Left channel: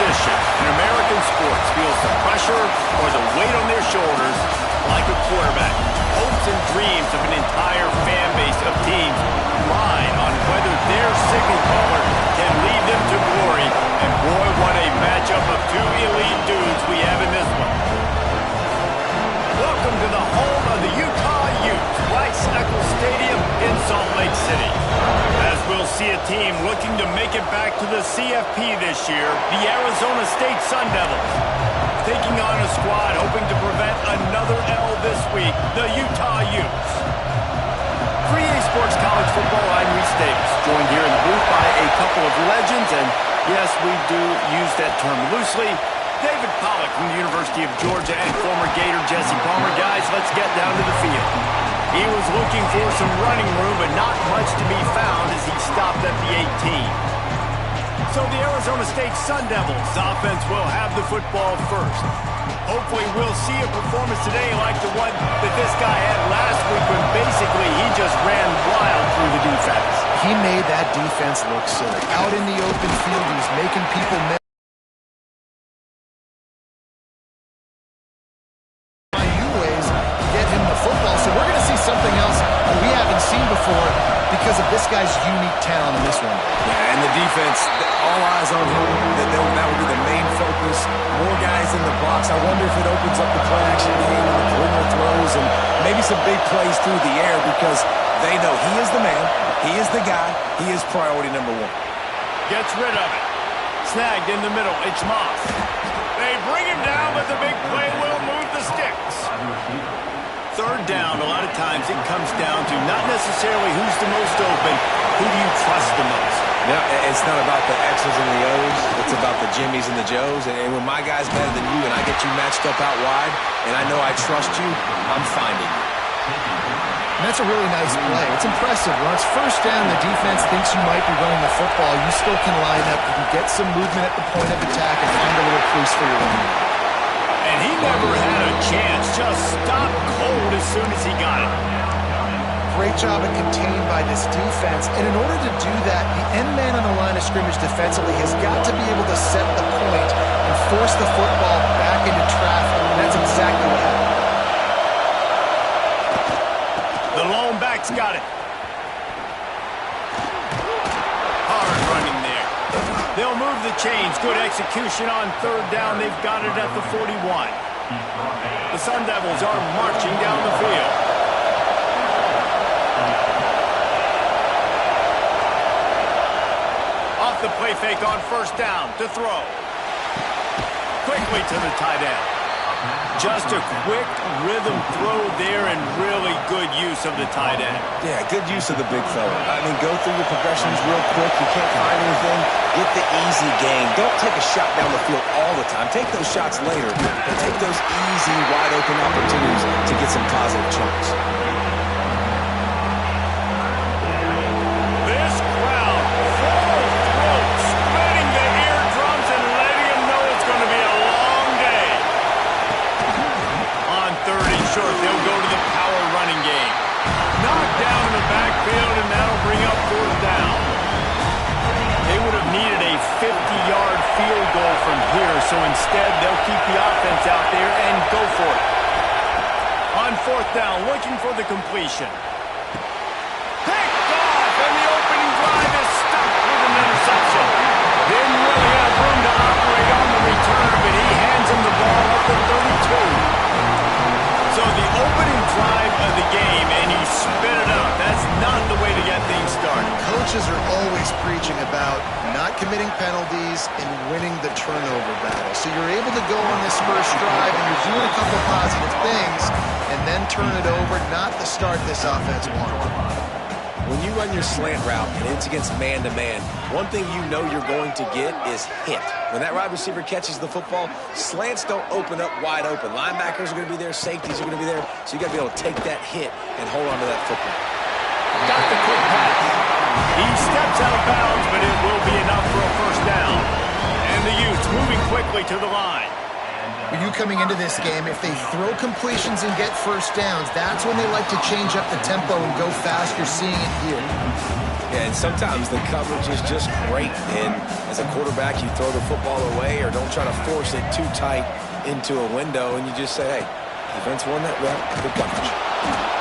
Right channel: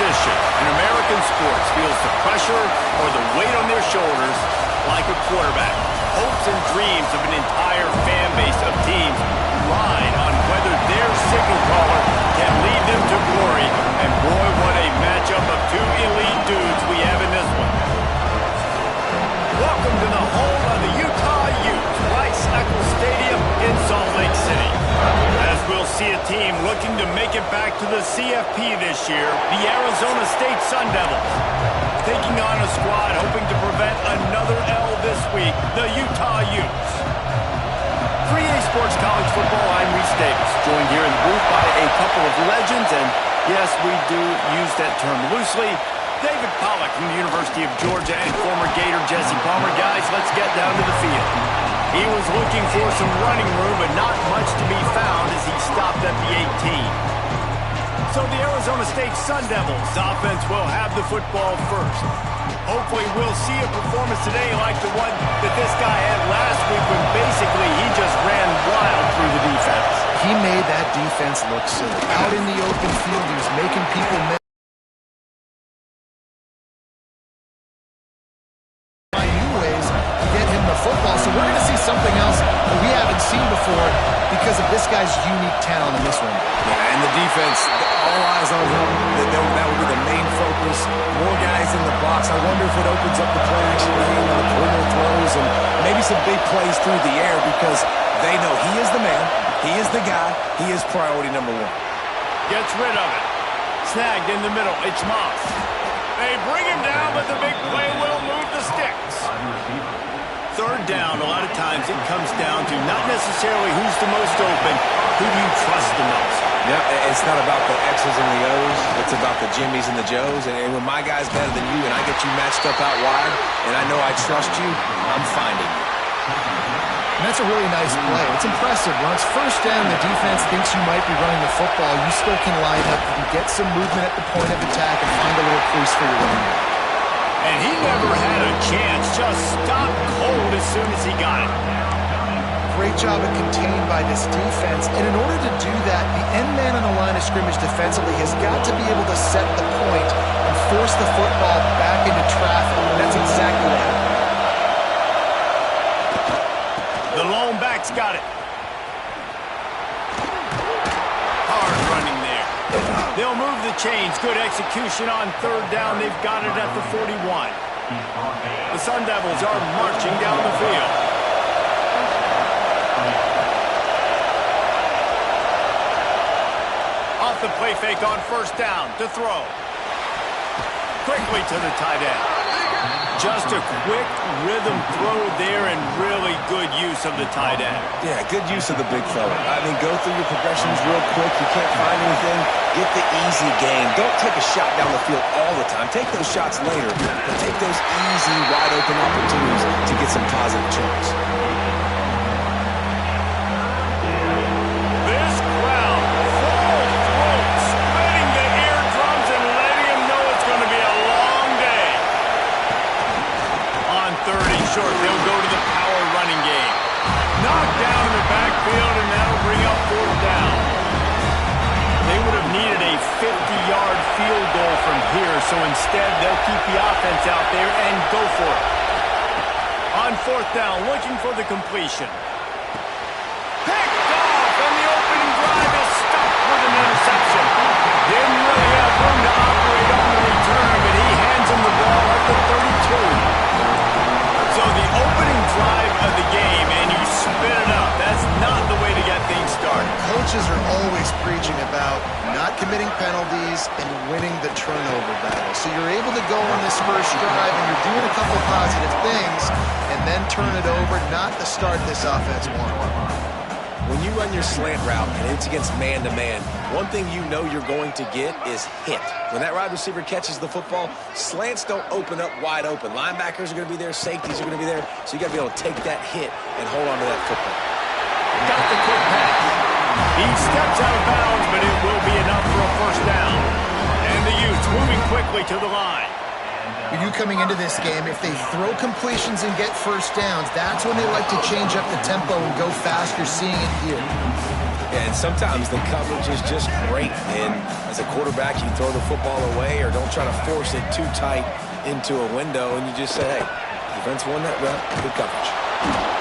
position in American sports feels the pressure or the weight on their shoulders like a quarterback. Hopes and dreams of an entire fan base of teams ride on whether their signal caller can lead them to glory. And boy, what a matchup of two elite dudes we have in this one. Welcome to the home of the Utah Utes, Rice-Eccles Stadium in Salt Lake City. As we'll see a team looking to make it back to the CFP this year, the Arizona State Sun Devils. Taking on a squad hoping to prevent another L this week, the Utah Utes. 3A Sports College Football, I'm Reese Davis, joined here in the booth by a couple of legends, and yes, we do use that term loosely. David Pollack from the University of Georgia and former Gator Jesse Palmer. Guys, let's get down to the field. He was looking for some running room, but not much to be found as he stopped at the 18. So the Arizona State Sun Devils offense will have the football first. Hopefully we'll see a performance today like the one that this guy had last week when basically he just ran wild through the defense. He made that defense look silly. Out in the open field, he was making people miss. Football, so we're going to see something else that we haven't seen before because of this guy's unique talent in this one. Yeah, and the defense, all eyes on him. That would be the main focus. More guys in the box. I wonder if it opens up the play-action game and the perimeter throws and maybe some big plays through the air because they know he is the man, he is the guy, he is priority number one. Gets rid of it. Snagged in the middle. It's Moss. They bring him down, but the big play will move the sticks. Third down, a lot of times it comes down to not necessarily who's the most open, who do you trust the most? Yeah, it's not about the X's and the O's. It's about the Jimmies and the Joes. And when my guy's better than you and I get you matched up out wide and I know I trust you, I'm finding you. And that's a really nice play. It's impressive. When it's first down, the defense thinks you might be running the football. You still can line up. You can get some movement at the point of attack and find a little crease for your running back. And he never had a chance, just stopped cold as soon as he got it. Great job at contained by this defense. And in order to do that, the end man on the line of scrimmage defensively has got to be able to set the point and force the football back into traffic. And that's exactly what happened. The lone back's got it. Hard running there. They'll move the chains. Good execution on third down. They've got it at the 41. The Sun Devils are marching down the field. Off the play fake on first down to throw. Quickly to the tight end. Just a quick rhythm throw there and really good use of the tight end. Yeah, good use of the big fella. I mean, go through your progressions real quick. You can't find anything. Get the easy gain. Don't take a shot down the field all the time. Take those shots later, but take those easy, wide-open opportunities to get some positive chunks. This crowd, full throat, splitting the eardrums and letting them know it's going to be a long day. On third and short, they'll go to the power running game. Knocked down in the backfield, and that'll bring up fourth down. They would have needed a 50-yard field goal from here, so instead they'll keep the offense out there and go for it. On fourth down, looking for the completion. Picked off, and the opening drive is stopped with an interception. Didn't really have room to operate on the return, but he hands him the ball at the 32. So the opening drive of the game, and you spit it up. That's not the way to get things started. Coaches are always preaching about not committing penalties and winning the turnover battle. So you're able to go on this first drive, and you're doing a couple positive things, and then turn it over, not the start this offense wanted. When you run your slant route and it's against man-to-man, one thing you know you're going to get is hit. When that wide receiver catches the football, slants don't open up wide open. Linebackers are going to be there, safeties are going to be there, so you got to be able to take that hit and hold on to that football. Got the quick pass. He steps out of bounds, but it will be enough for a first down. And the Utes moving quickly to the line. With you coming into this game, if they throw completions and get first downs, that's when they like to change up the tempo and go fast. You're seeing it here. Yeah, and sometimes the coverage is just great. And as a quarterback, you throw the football away or don't try to force it too tight into a window, and you just say, hey, defense won that rep, good coverage.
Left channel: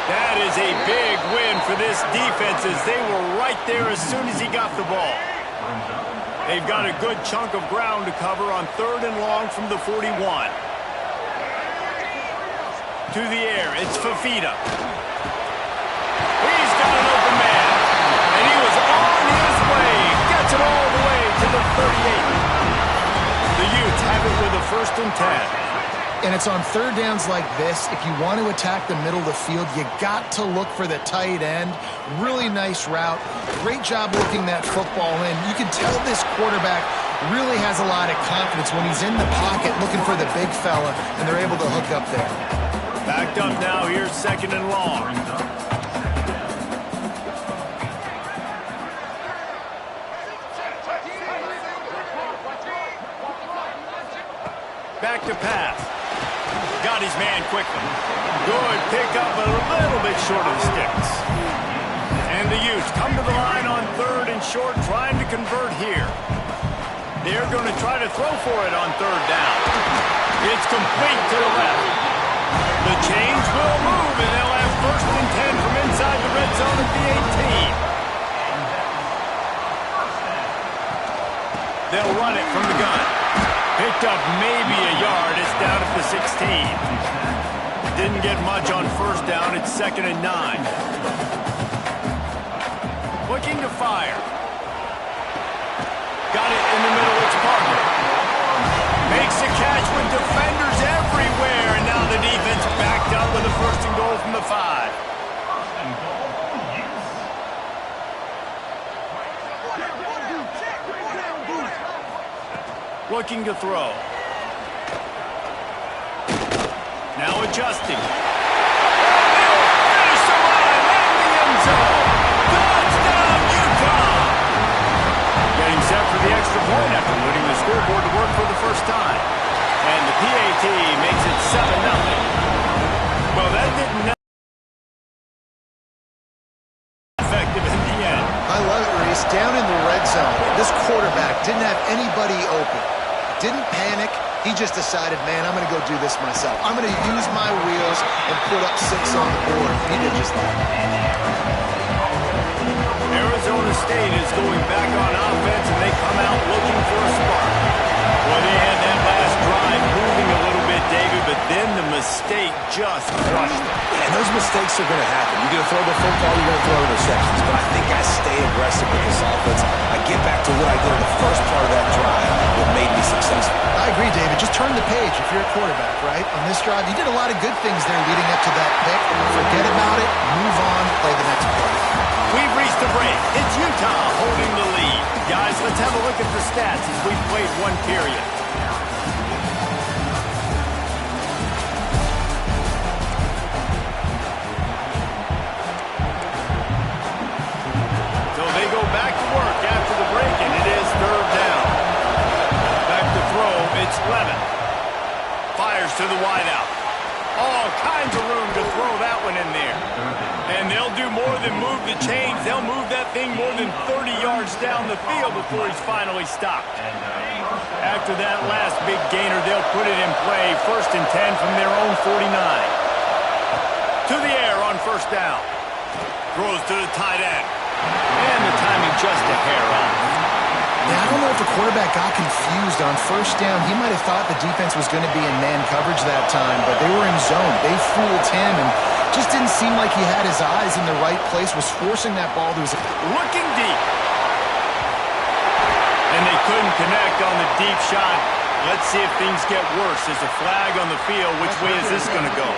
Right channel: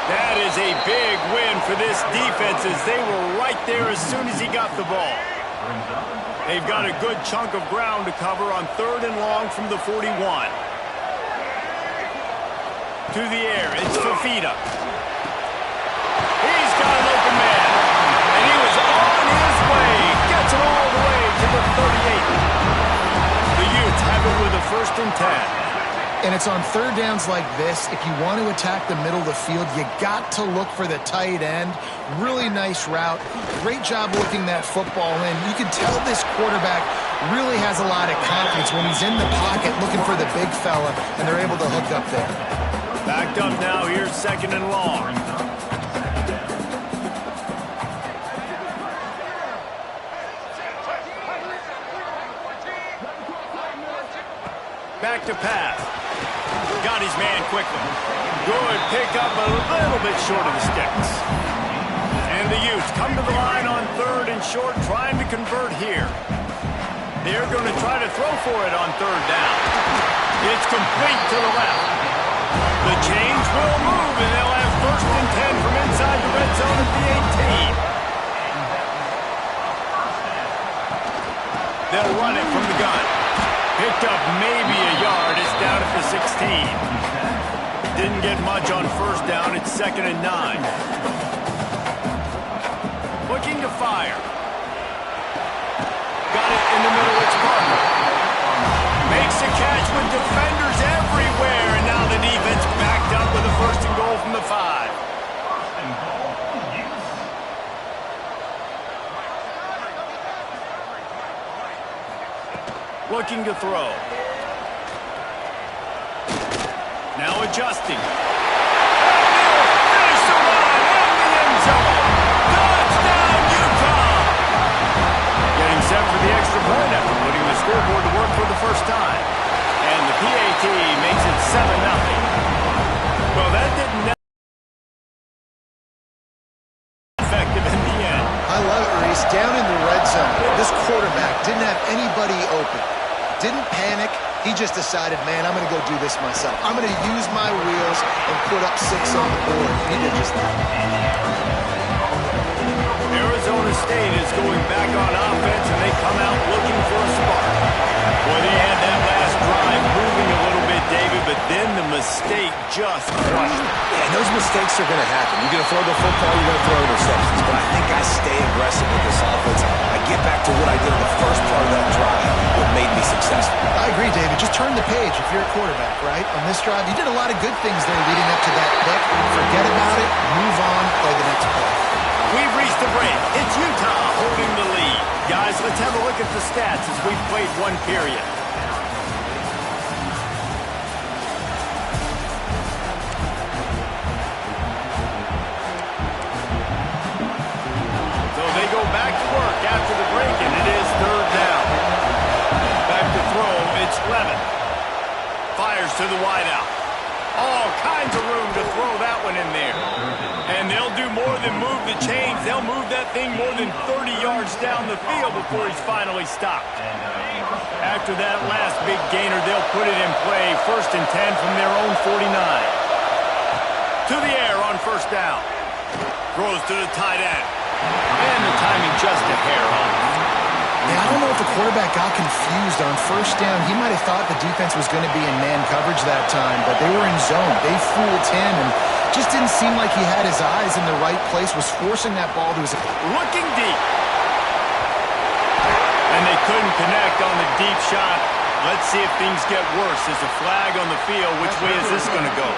That is a big win for this defense as they were right there as soon as he got the ball. They've got a good chunk of ground to cover on 3rd and long from the 41. To the air, it's Fafita. He's got an open man. And he was on his way. Gets it all the way to the 38. The Utes have it with a 1st and 10. And it's on 3rd downs like this. If you want to attack the middle of the field, you got to look for the tight end. Really nice route. Great job looking that football in. You can tell this quarterback really has a lot of confidence when he's in the pocket looking for the big fella, and they're able to hook up there. Backed up now. Here's 2nd and long. Back to pass. Got his man quickly. Good pickup, but a little bit short of the sticks. And the Utes come to the line on 3rd and short, trying to convert here. They're going to try to throw for it on 3rd down. It's complete to the left. The chains will move, and they'll have 1st and 10 from inside the red zone at the 18. They'll run it from the gun. Picked up maybe a yard. It's down at the 16. Didn't get much on 1st down. It's 2nd and 9. Looking to fire. Got it in the middle. It's Parker. Makes a catch with defenders everywhere. And now the defense backed up with a 1st and goal from the 5. Looking to throw. Now adjusting. And he'll finish the line in the end zone. Touchdown, Utah! Getting set for the extra point after putting the scoreboard to work for the first time. And the PAT makes it 7-0. Well, that didn't effective in the end. I love it, Reese. Down in the red zone, this quarterback didn't have anybody open. Didn't panic. He just decided, man, I'm going to go do this myself. I'm going to use my wheels and put up 6 on the board. He did just that. Arizona State is going back on offense, and they come out looking for a spark. Well, they had that last drive moving a little bit, David, but then the mistake just crushed it. Yeah, and those mistakes are going to happen. You're going to throw the football, you're going to throw interceptions. But I think I stay aggressive with this offense. I get back to what I did in the first part of that drive, what made me successful. I agree, David. Just turn the page if you're a quarterback, right? On this drive, you did a lot of good things there leading up to that pick. Forget about it, move on, play the next play. We've reached the break. It's Utah holding the lead. Guys, let's have a look at the stats as we've played 1 period. So they go back to work after the break, and it is 3rd down. Back to throw, it's Levin. Fires to the wideout. All kinds of room to throw that one in there. And they'll do more than move the chains. They'll move that thing more than 30 yards down the field before he's finally stopped. After that last big gainer, they'll put it in play. 1st and 10 from their own 49. To the air on 1st down. Throws to the tight end. And the timing just a hair off. Yeah, I don't know if the quarterback got confused on 1st down. He might have thought the defense was going to be in man coverage that time, but they were in zone. They fooled him and just didn't seem like he had his eyes in the right place, was forcing that ball to his... Looking deep. And they couldn't connect on the deep shot. Let's see if things get worse. There's a flag on the field. Which way is this going to go?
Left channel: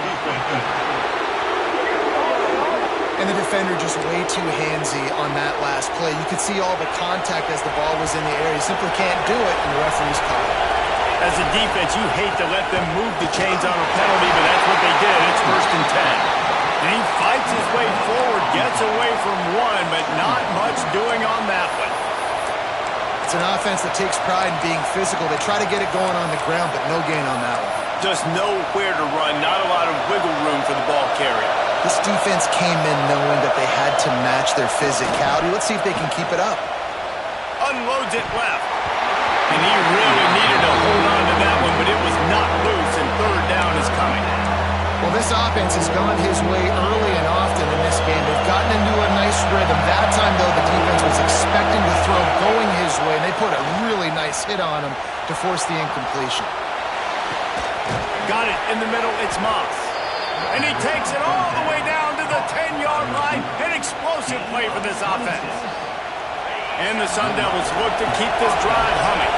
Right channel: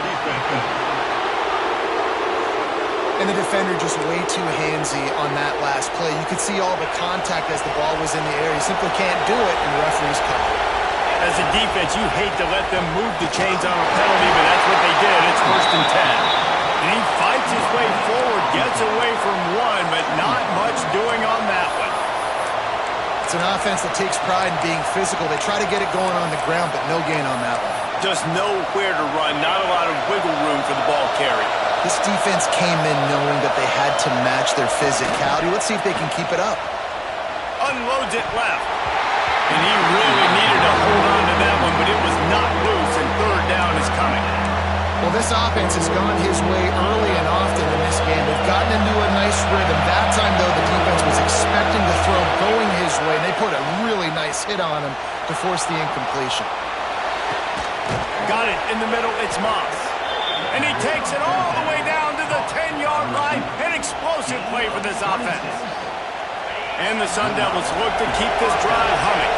And the defender just way too handsy on that last play. You could see all the contact as the ball was in the air. He simply can't do it, and the referee's call. As a defense, you hate to let them move the chains on a penalty, but that's what they did. It's 1st and 10. And he fights his way forward, gets away from one, but not much doing on that one. It's an offense that takes pride in being physical. They try to get it going on the ground, but no gain on that one. Just nowhere to run, not a lot of wiggle room for the ball carrier. This defense came in knowing that they had to match their physicality. Let's see if they can keep it up. Unloads it left. And he really needed to hold on to that one, but it was not loose, and third down is coming. Well, this offense has gone his way early and often in this game. They've gotten into a nice rhythm. That time, though, the defense was expecting the throw going his way, and they put a really nice hit on him to force the incompletion. Got it in the middle. It's Moss. And he takes it all the way down to the 10-yard line. An explosive play for this offense. And the Sun Devils look to keep this drive humming.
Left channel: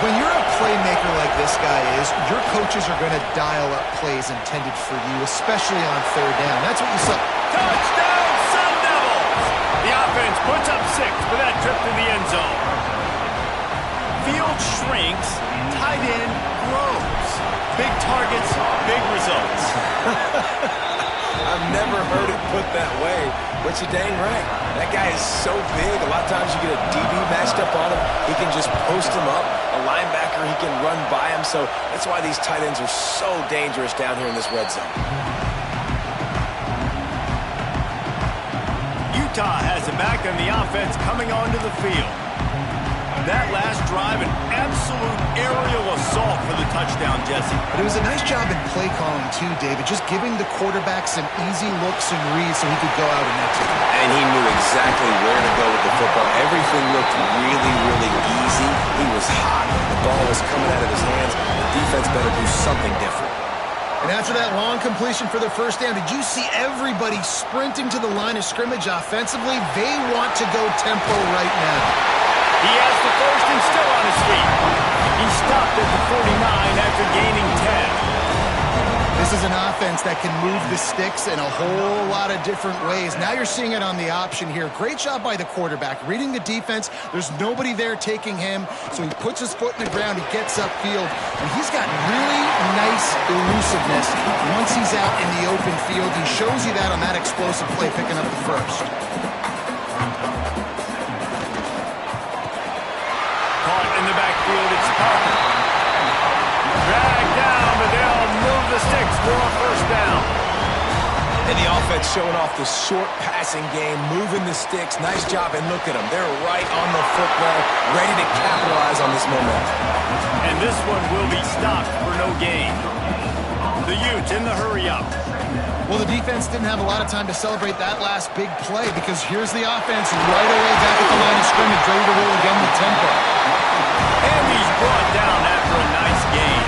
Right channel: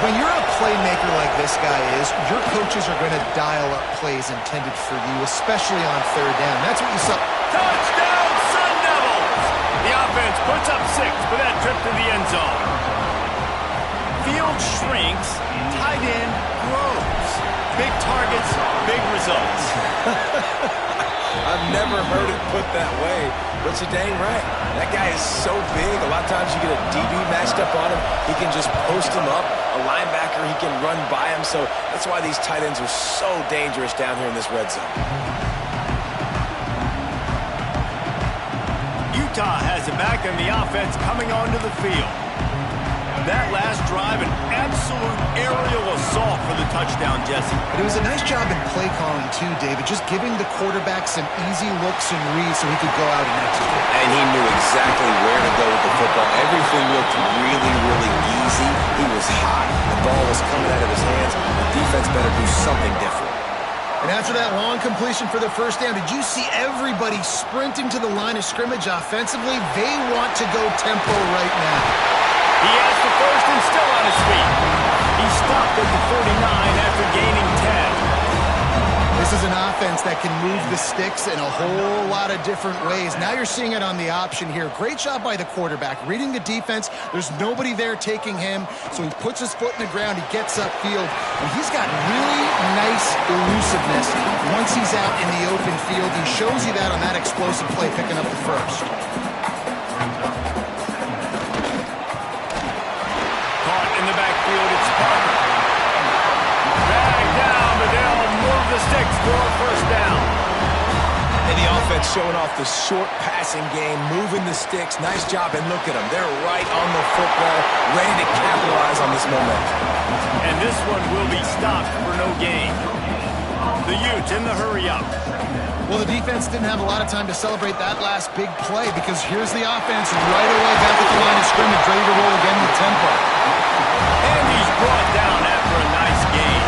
When you're a playmaker like this guy is, your coaches are going to dial up plays intended for you, especially on third down. That's what you saw. Touchdown, Sun Devils! The offense puts up 6 for that trip to the end zone. Field shrinks, tight end grows. Big targets, big results. I've never heard it put that way, but you're dang right. That guy is so big. A lot of times you get a DB matched up on him. He can just post him up. A linebacker, he can run by him. So that's why these tight ends are so dangerous down here in this red zone. Utah has it back on the offense coming onto the field. That last drive, an absolute aerial assault for the touchdown, Jesse. But it was a nice job in play calling, too, David, just giving the quarterback some easy looks and reads so he could go out and execute. And he knew exactly where to go with the football. Everything looked really, really easy. He was hot. The ball was coming out of his hands. The defense better do something different. And after that long completion for the first down, did you see everybody sprinting to the line of scrimmage offensively? They want to go tempo right now. He has the first and still on his feet. He stopped at the 49 after gaining 10. This is an offense that can move the sticks in a whole lot of different ways. Now you're seeing it on the option here. Great job by the quarterback. Reading the defense, there's nobody there taking him, so he puts his foot in the ground, he gets upfield, and he's got really nice elusiveness once he's out in the open field. He shows you that on that explosive play, picking up the first. Caught in the backfield, it's Parker. Dragged down, but they'll move the sticks for a first down. And the offense showing off the short passing game, moving the sticks. Nice job, and look at them. They're right on the football, ready to capitalize on this momentum. And this one will be stopped for no gain. The Utes in the hurry-up. Well, the defense didn't have a lot of time to celebrate that last big play because here's the offense right away back at the line of scrimmage, ready to roll again with tempo. And he's brought down after a nice gain.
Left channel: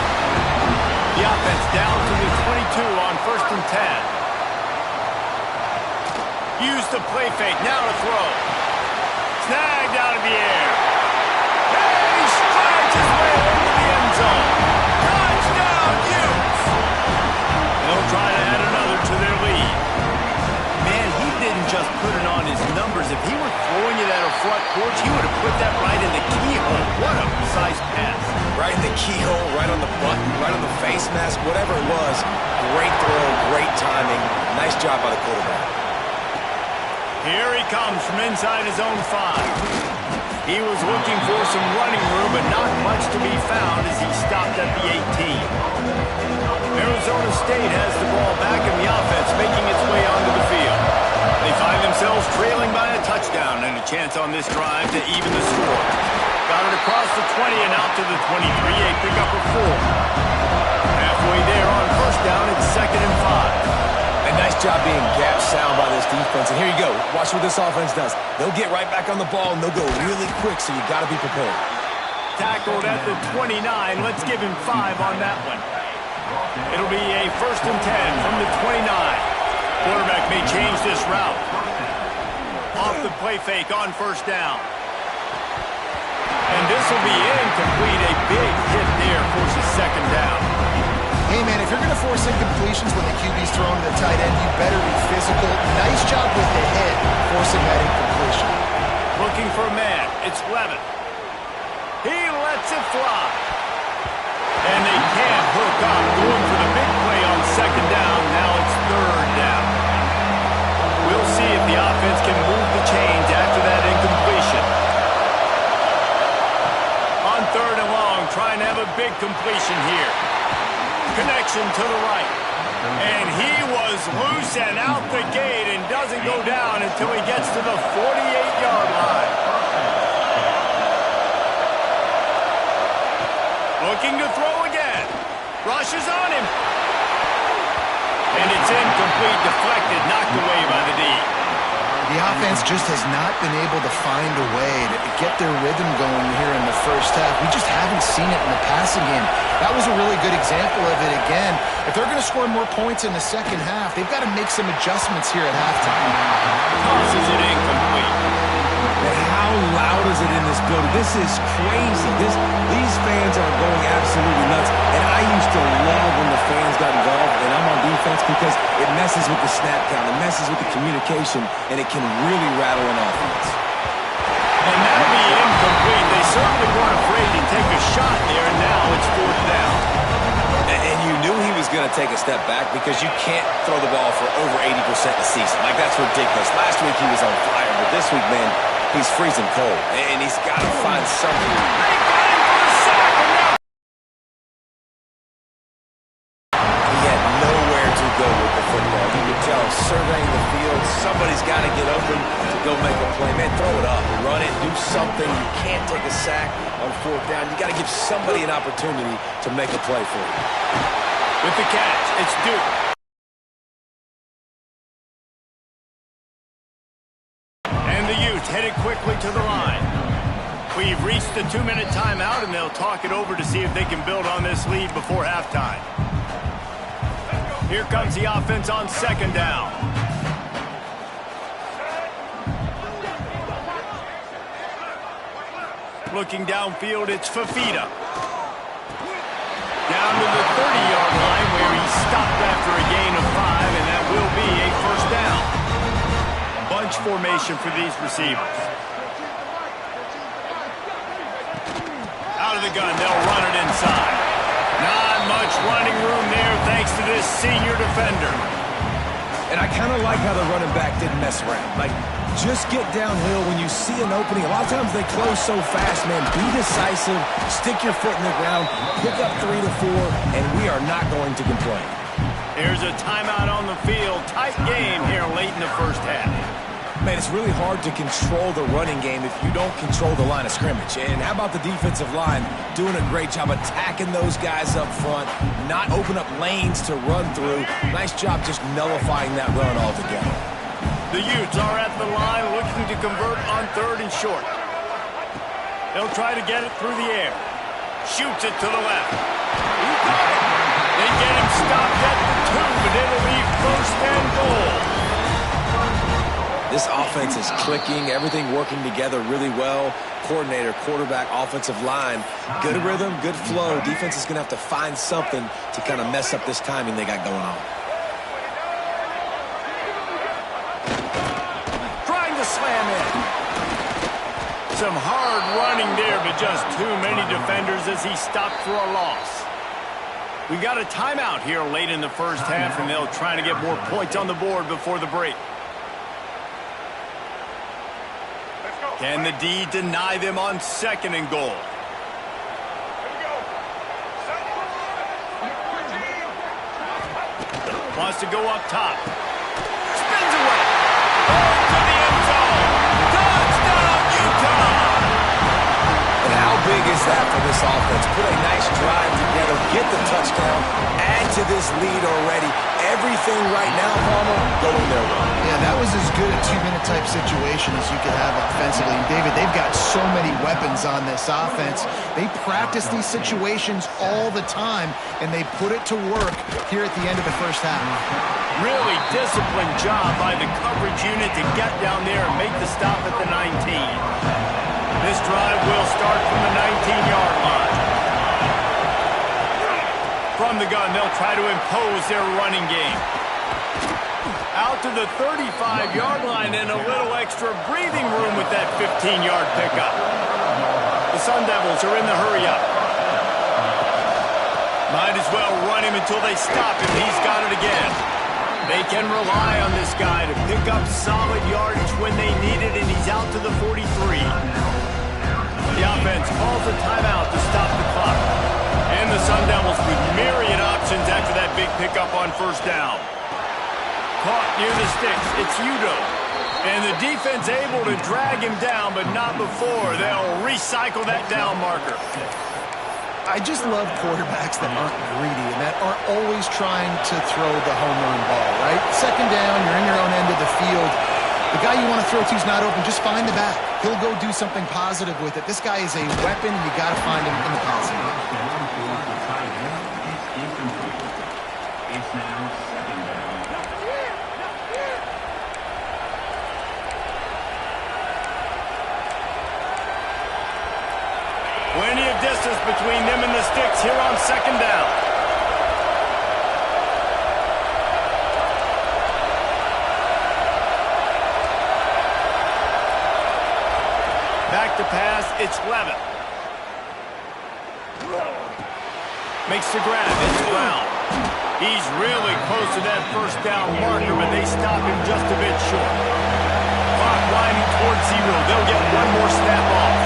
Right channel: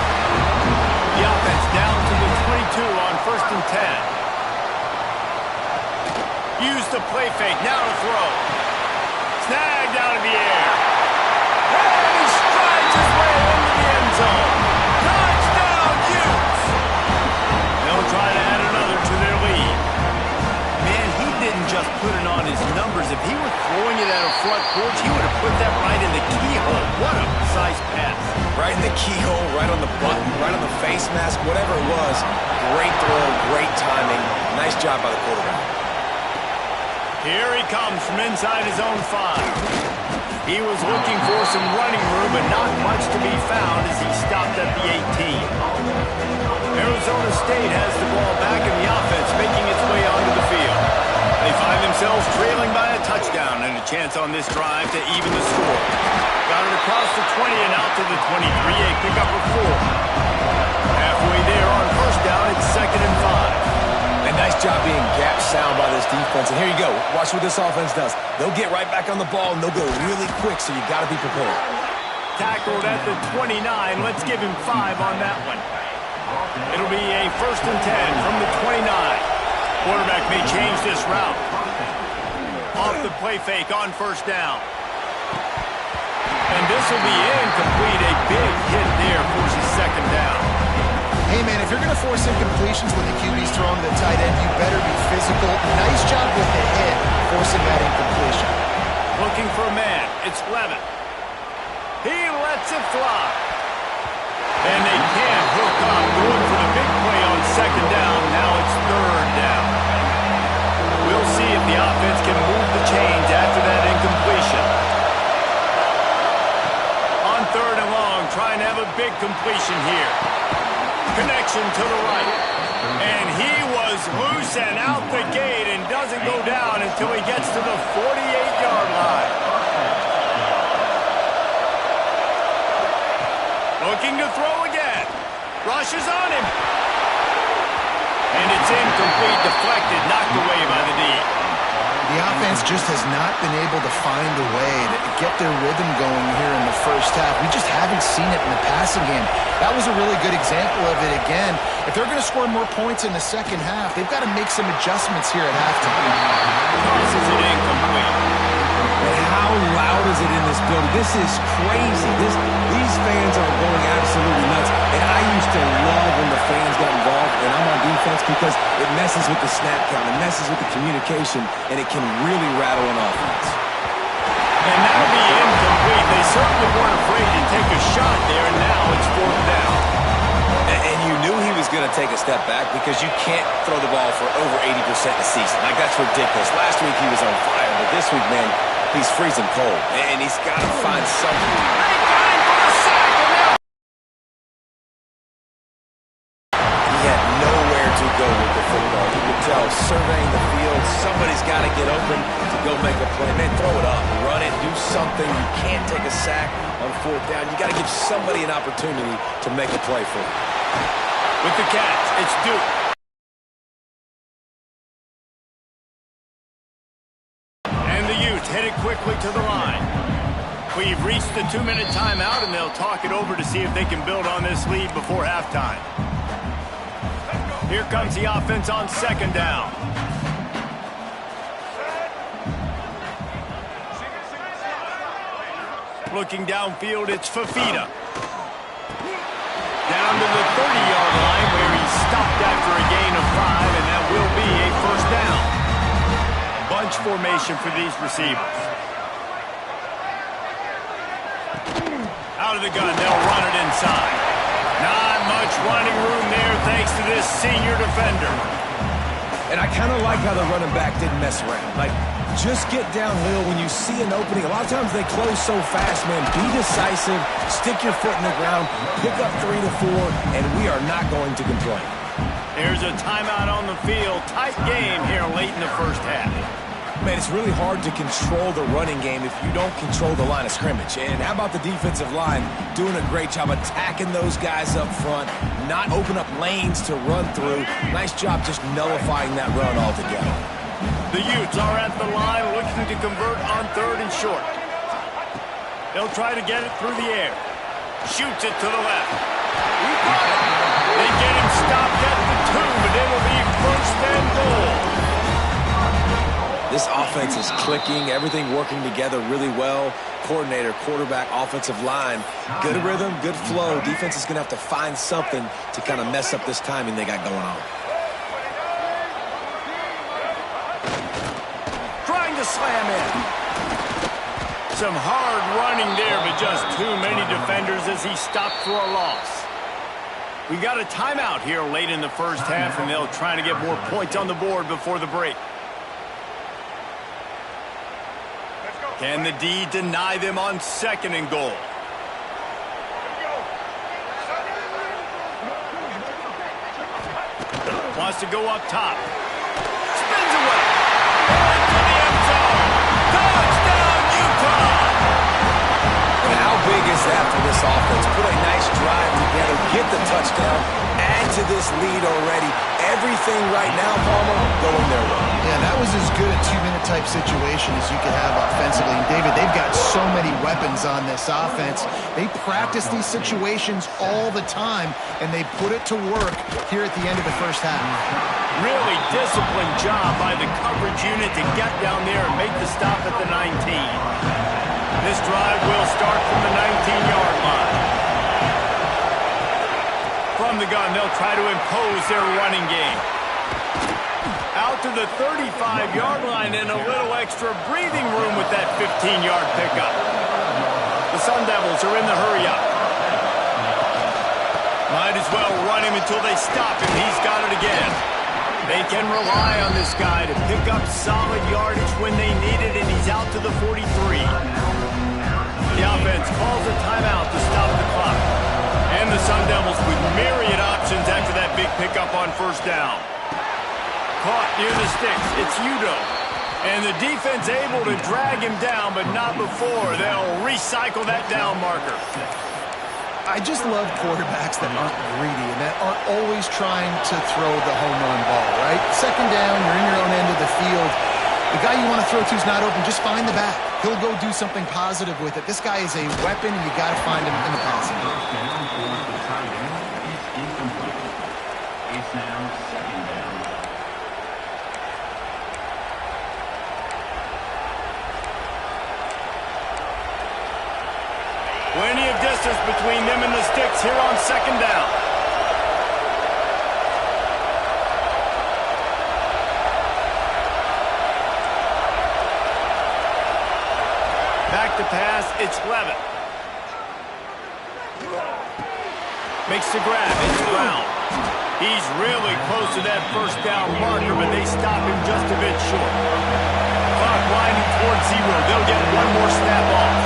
The offense down to the 22 on 1st and 10. Use the play fake, now to throw. Snagged out of the air. And he strides his way into the end zone. Touchdown, Utes! They'll try to add another to their lead. Man, he didn't just put it on his numbers. If he were throwing it at a front porch, he would have put that right in the keyhole. What a precise pass. Right in the keyhole, right on the button, right on the face mask, whatever it was. Great throw, great timing. Nice job by the quarterback. Here he comes from inside his own 5. He was looking for some running room, but not much to be found as he stopped at the 18. Arizona State has the ball back in the offense, making its way onto the field. They find themselves trailing by a touchdown and a chance on this drive to even the score. Got it across the 20 and out to the 23, a pickup of 4. Halfway there on first down, it's 2nd and 5. And nice job being gap sound by this defense. And here you go. Watch what this offense does. They'll get right back on the ball, and they'll go really quick, so you got to be prepared. Tackled at the 29. Let's give him 5 on that one. It'll be a 1st and 10 from the 29. Quarterback may change this route. Off the play fake on first down. And this will be incomplete. A big hit there forces 2nd down. Hey, man, if you're going to force incompletions when the QB's thrown to the tight end, you better be physical. Nice job with the hit, forcing that incompletion. Looking for a man. It's Levin. He lets it fly. And they can't hook up. Going for the big play on 2nd down. Now it's 3rd down. We'll see if the offense can move the chains after that incompletion. On 3rd and long, trying to have a big completion here. Connection to the right. And he was loose and out the gate and doesn't go down until he gets to the 48-yard line. Looking to throw again. Rushes on him. And it's incomplete, deflected, knocked away by the D. The offense just has not been able to find a way to get their rhythm going here in the first half. We just haven't seen it in the passing game. That was a really good example of it again. If they're going to score more points in the second half, they've got to make some adjustments here at halftime. Tosses it incomplete. And how loud is it in this building? This is crazy. These fans are going absolutely nuts. And I used to love when the fans got involved, and I'm on defense, because it messes with the snap count, it messes with the communication, and it can really rattle an offense. And that'll be incomplete. They certainly weren't afraid to take a shot there, and now it's 4th down. And you knew he was going to take a step back, because you can't throw the ball for over 80% a season. Like, that's ridiculous. Last week he was on fire, but this week, man, he's freezing cold, and he's got to find something. They got him for the sack, and now he had nowhere to go with the football. You could tell, surveying the field, somebody's got to get open to go make a play. Man, throw it up, run it, do something. You can't take a sack on 4th down. You got to give somebody an opportunity to make a play for you. with the catch, it's Duke. And the Utes headed quickly to the line. We've reached the 2-minute timeout, and they'll talk it over to see if they can build on this lead before halftime. Here comes the offense on 2nd down. Looking downfield, it's Fafita. Down to the 30-yard line where he stopped after a gain of 5, and that will be a 1st down. Bunch formation for these receivers. Out of the gun, they'll run it inside. Not much running room there thanks to this senior defender. And I kind of like how the running back didn't mess around. Like, just get downhill when you see an opening. A lot of times they close so fast, man. Be decisive, stick your foot in the ground, pick up 3 to 4, and we are not going to complain. There's a timeout on the field. Tight game here late in the first half. Man, it's really hard to control the running game if you don't control the line of scrimmage. And how about the defensive line doing a great job attacking those guys up front, not open up lanes to run through. Nice job just nullifying that run altogether. The Utes are at the line looking to convert on 3rd and short. They'll try to get it through the air. Shoots it to the left. He got it. They get him stopped at the 2, but it'll be 1st and goal. This offense is clicking, everything working together really well. Coordinator, quarterback, offensive line. Good rhythm, good flow. Defense is going to have to find something to kind of mess up this timing they got going on. Trying to slam in. Some hard running there, but just too many defenders as he stopped for a loss. We got a timeout here late in the first half, and they'll try to get more points on the board before the break. Can the D deny them on 2nd and goal? Wants to go up top. Spins away. Into the end zone. Touchdown, Utah! And how big is that for this offense? Put a nice drive together, get the touchdown, add to this lead already. Everything right now, Palmer, going their way. Yeah, that was as good a 2-minute type situation as you could have offensively. And David, they've got so many weapons on this offense. They practice these situations all the time, and they put it to work here at the end of the first half. Really disciplined job by the coverage unit to get down there and make the stop at the 19. This drive will start from the 19-yard line. From the gun, they'll try to impose their running game. Out to the 35-yard line and a little extra breathing room with that 15-yard pickup. The Sun Devils are in the hurry-up. Might as well run him until they stop him. He's got it again. They can rely on this guy to pick up solid yardage when they need it, and he's out to the 43. The offense calls a timeout to stop the clock. And the Sun Devils with myriad options after that big pickup on first down. Caught near the sticks. It's Udoh. And the defense able to drag him down, but not before. They'll recycle that down marker. I just love quarterbacks that aren't greedy and that aren't always trying to throw the home run ball, right? Second down, you're in your own end of the field. The guy you want to throw to is not open. Just find the back. He'll go do something positive with it. This guy is a weapon, and you got to find him in the passing game. It's now second down. Plenty of distance between them and the sticks here on second down. Back to pass, it's Levitt. Makes the grab, it's Brown. He's really close to that first down marker, but they stop him just a bit short. Clock winding towards 0. They'll get one more snap off.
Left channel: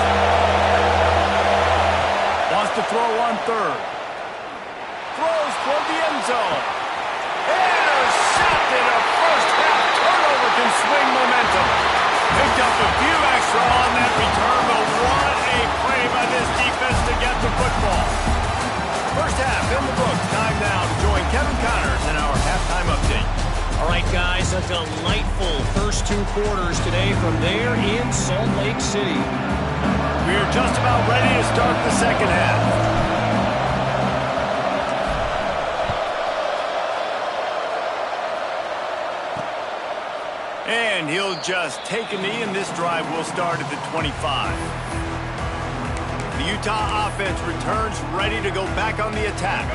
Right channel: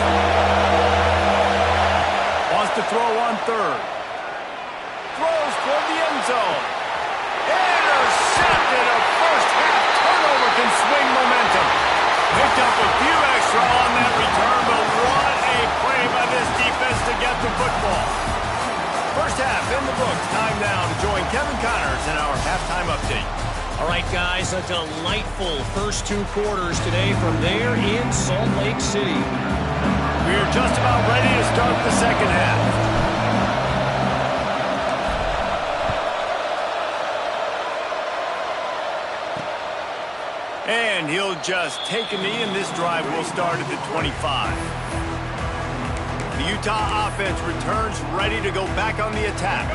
Wants to throw on third. Throws toward the end zone. Intercepted. A first half turnover can swing momentum. Picked up a few extra on that return, but what a play by this defense to get the football. First half in the books. Time now to join Kevin Connors in our halftime update. All right, guys, a delightful first 2 quarters today from there in Salt Lake City. We're just about ready to start the second half. And he'll just take a knee, and this drive will start at the 25. The Utah offense returns ready to go back on the attack.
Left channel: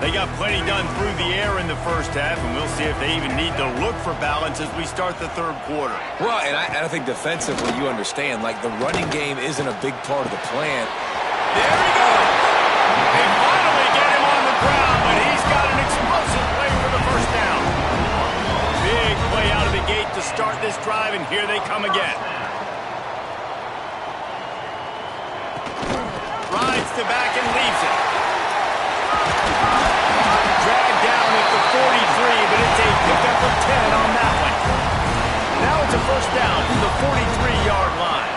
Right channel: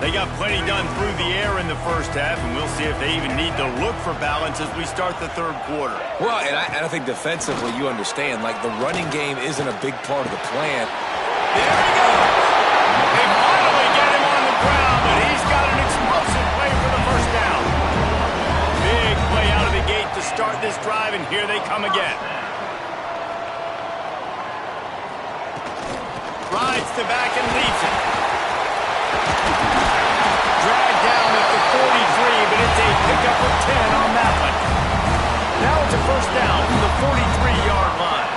They got plenty done through the air in the first half, and we'll see if they even need to look for balance as we start the third quarter. Well, and I think defensively, you understand, like the running game isn't a big part of the plan. There he goes. They finally get him on the ground, but he's got an explosive play for the first down. Big play out of the gate to start this drive, and here they come again. Rides to back and leaves it. Dragged down at the 43, but it's a pickup of 10 on that one. Now it's a first down from the 43-yard line.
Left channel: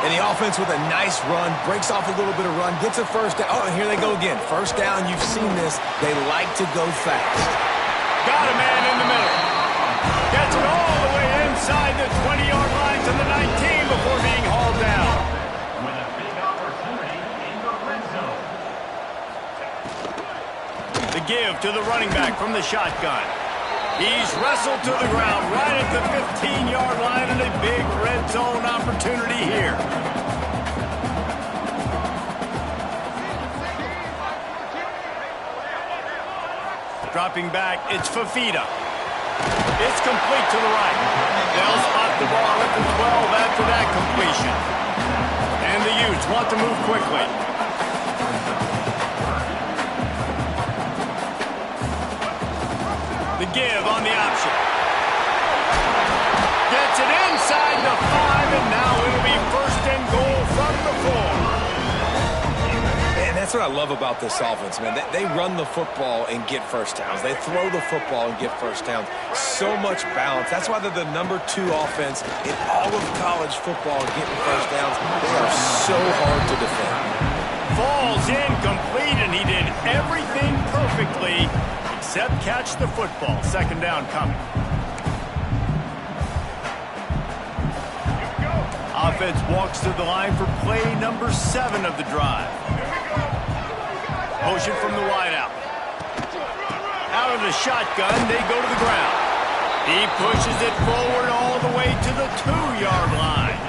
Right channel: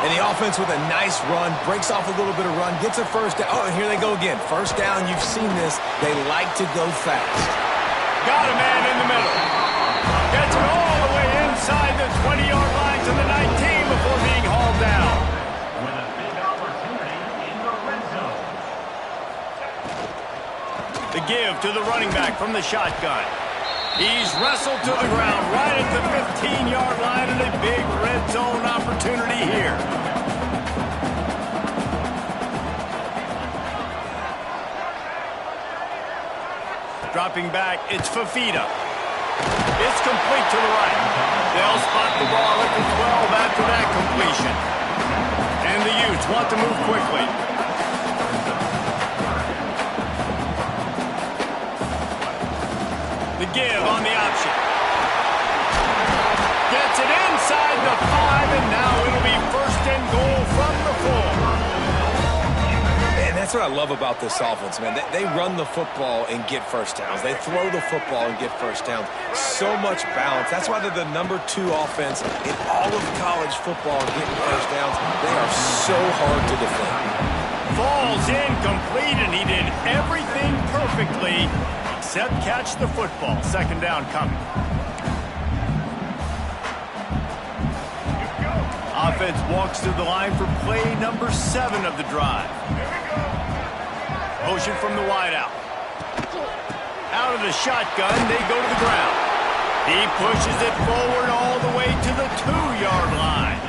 And the offense with a nice run, breaks off a little bit of run, gets a first down. Oh, and here they go again. First down, you've seen this. They like to go fast. Got a man in the middle. Gets it all the way inside the 20-yard line to the 19 before being hauled down. With a big opportunity in the red zone. The give to the running back from the shotgun. He's wrestled to the ground right at the 15-yard line, and a big red zone opportunity here. Dropping back, it's Fafita. It's complete to the right. They'll spot the ball at the 12 after that completion. And the Utes want to move quickly. The give on the option. Gets it inside the 5, and now it'll be first and goal from the 4. And that's what I love about this offense, man. They run the football and get first downs. They throw the football and get first downs. So much balance. That's why they're the #2 offense in all of college football getting first downs. They are so hard to defend. Falls incomplete, and he did everything perfectly except catch the football. Second down coming. Offense walks to the line for play number 7 of the drive. Motion from the wideout. Out of the shotgun, they go to the ground. He pushes it forward all the way to the 2-yard line.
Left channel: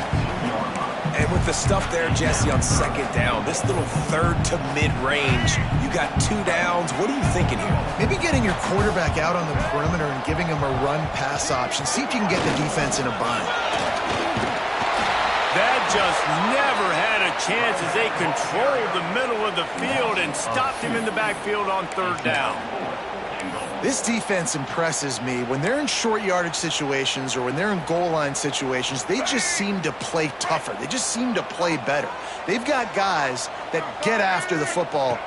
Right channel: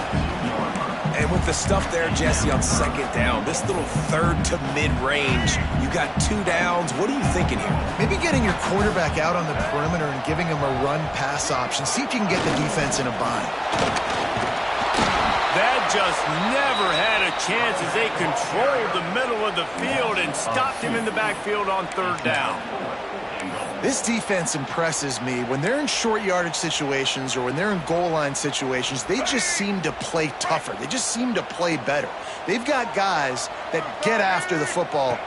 And with the stuff there, Jesse, on second down, this little third to mid-range, you got 2 downs. What are you thinking here? Maybe getting your quarterback out on the perimeter and giving him a run-pass option. See if you can get the defense in a bind. That just never had a chance as they controlled the middle of the field and stopped him in the backfield on third down. This defense impresses me. When they're in short yardage situations or when they're in goal line situations, they just seem to play tougher. They just seem to play better. They've got guys that get after the football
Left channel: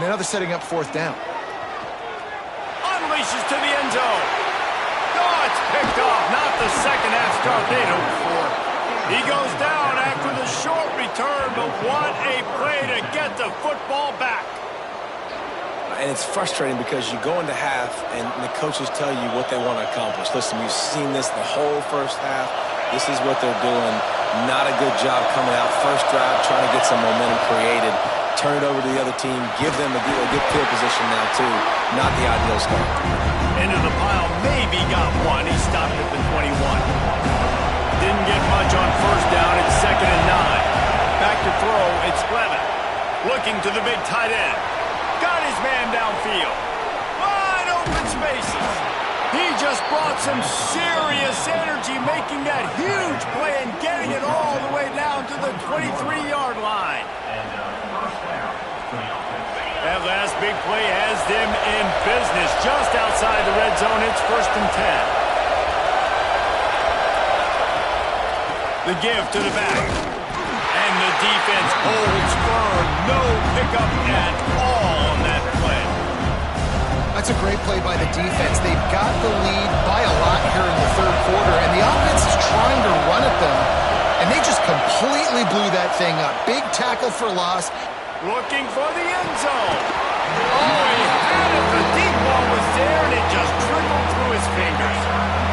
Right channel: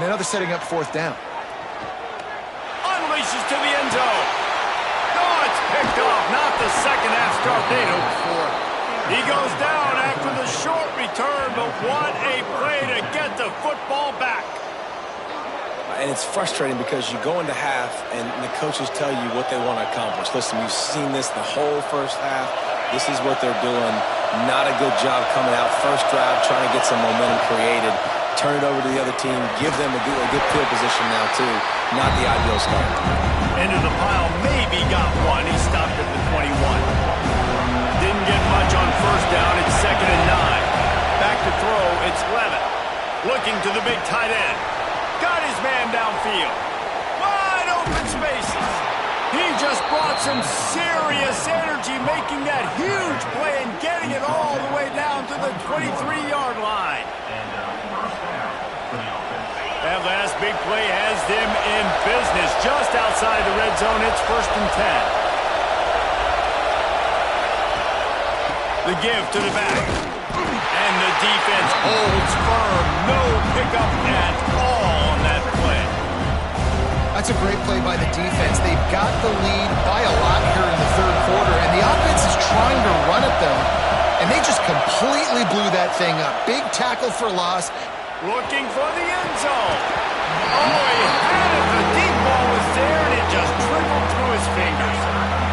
now they're setting up 4th down. Unleashes to the end zone. Oh, it's picked off. Not the second half start they'd hoped for. He goes down after the short return, but what a play to get the football back. And it's frustrating because you go into half and the coaches tell you what they want to accomplish. Listen, we've seen this the whole first half. This is what they're doing. Not a good job coming out. First drive, trying to get some momentum created. Turn it over to the other team. Give them a good field position now, too. Not the ideal start. Into the pile, maybe got one. He stopped at the 21. Didn't get much on first down. It's 2nd and 9. Back to throw. It's Levitt. Looking to the big tight end. Got his man downfield. Wide open spaces. He just brought some serious energy, making that huge play and getting it all the way down to the 23-yard line. And first down for the offense. That last big play has them in business. Just outside the red zone, it's 1st and 10. The give to the back. And the defense holds firm. No pickup at all on that play. That's a great play by the defense. They've got the lead by a lot here in the 3rd quarter, and the offense is trying to run at them, and they just completely blew that thing up. Big tackle for loss. Looking for the end zone. Oh, he had it. The deep ball was there, and it just trickled through his fingers.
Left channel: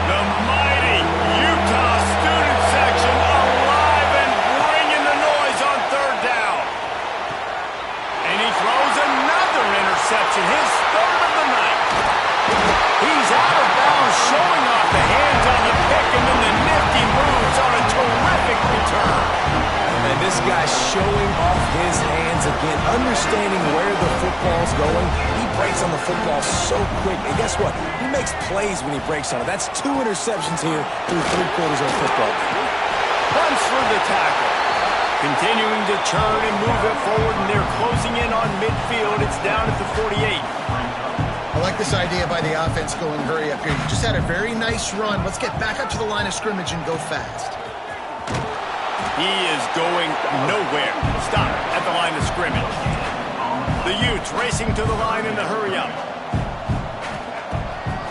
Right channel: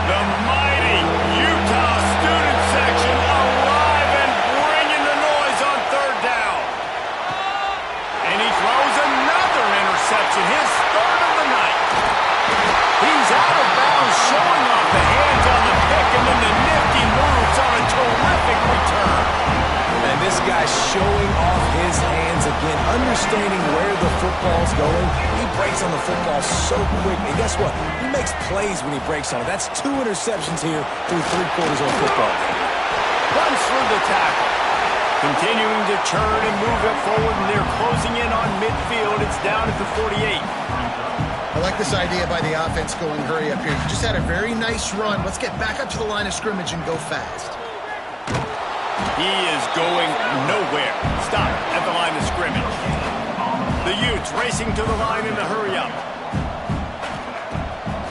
The mighty Utah student section alive and bringing the noise on 3rd down. And he throws another interception, his 3rd of the night. He's out of bounds, showing off the hands on the pick, and then the nifty moves on a terrific return. And this guy's showing off his hands again, understanding where the football's going. He breaks on the football so quick. And guess what? He makes plays when he breaks on it. That's 2 interceptions here through 3 quarters of a football game. Runs through the tackle. Continuing to turn and move it forward, and they're closing in on midfield. It's down at the 48. I like this idea by the offense going hurry up here. You just had a very nice run. Let's get back up to the line of scrimmage and go fast. He is going nowhere. Stop at the line of scrimmage. The Utes racing to the line in the hurry up.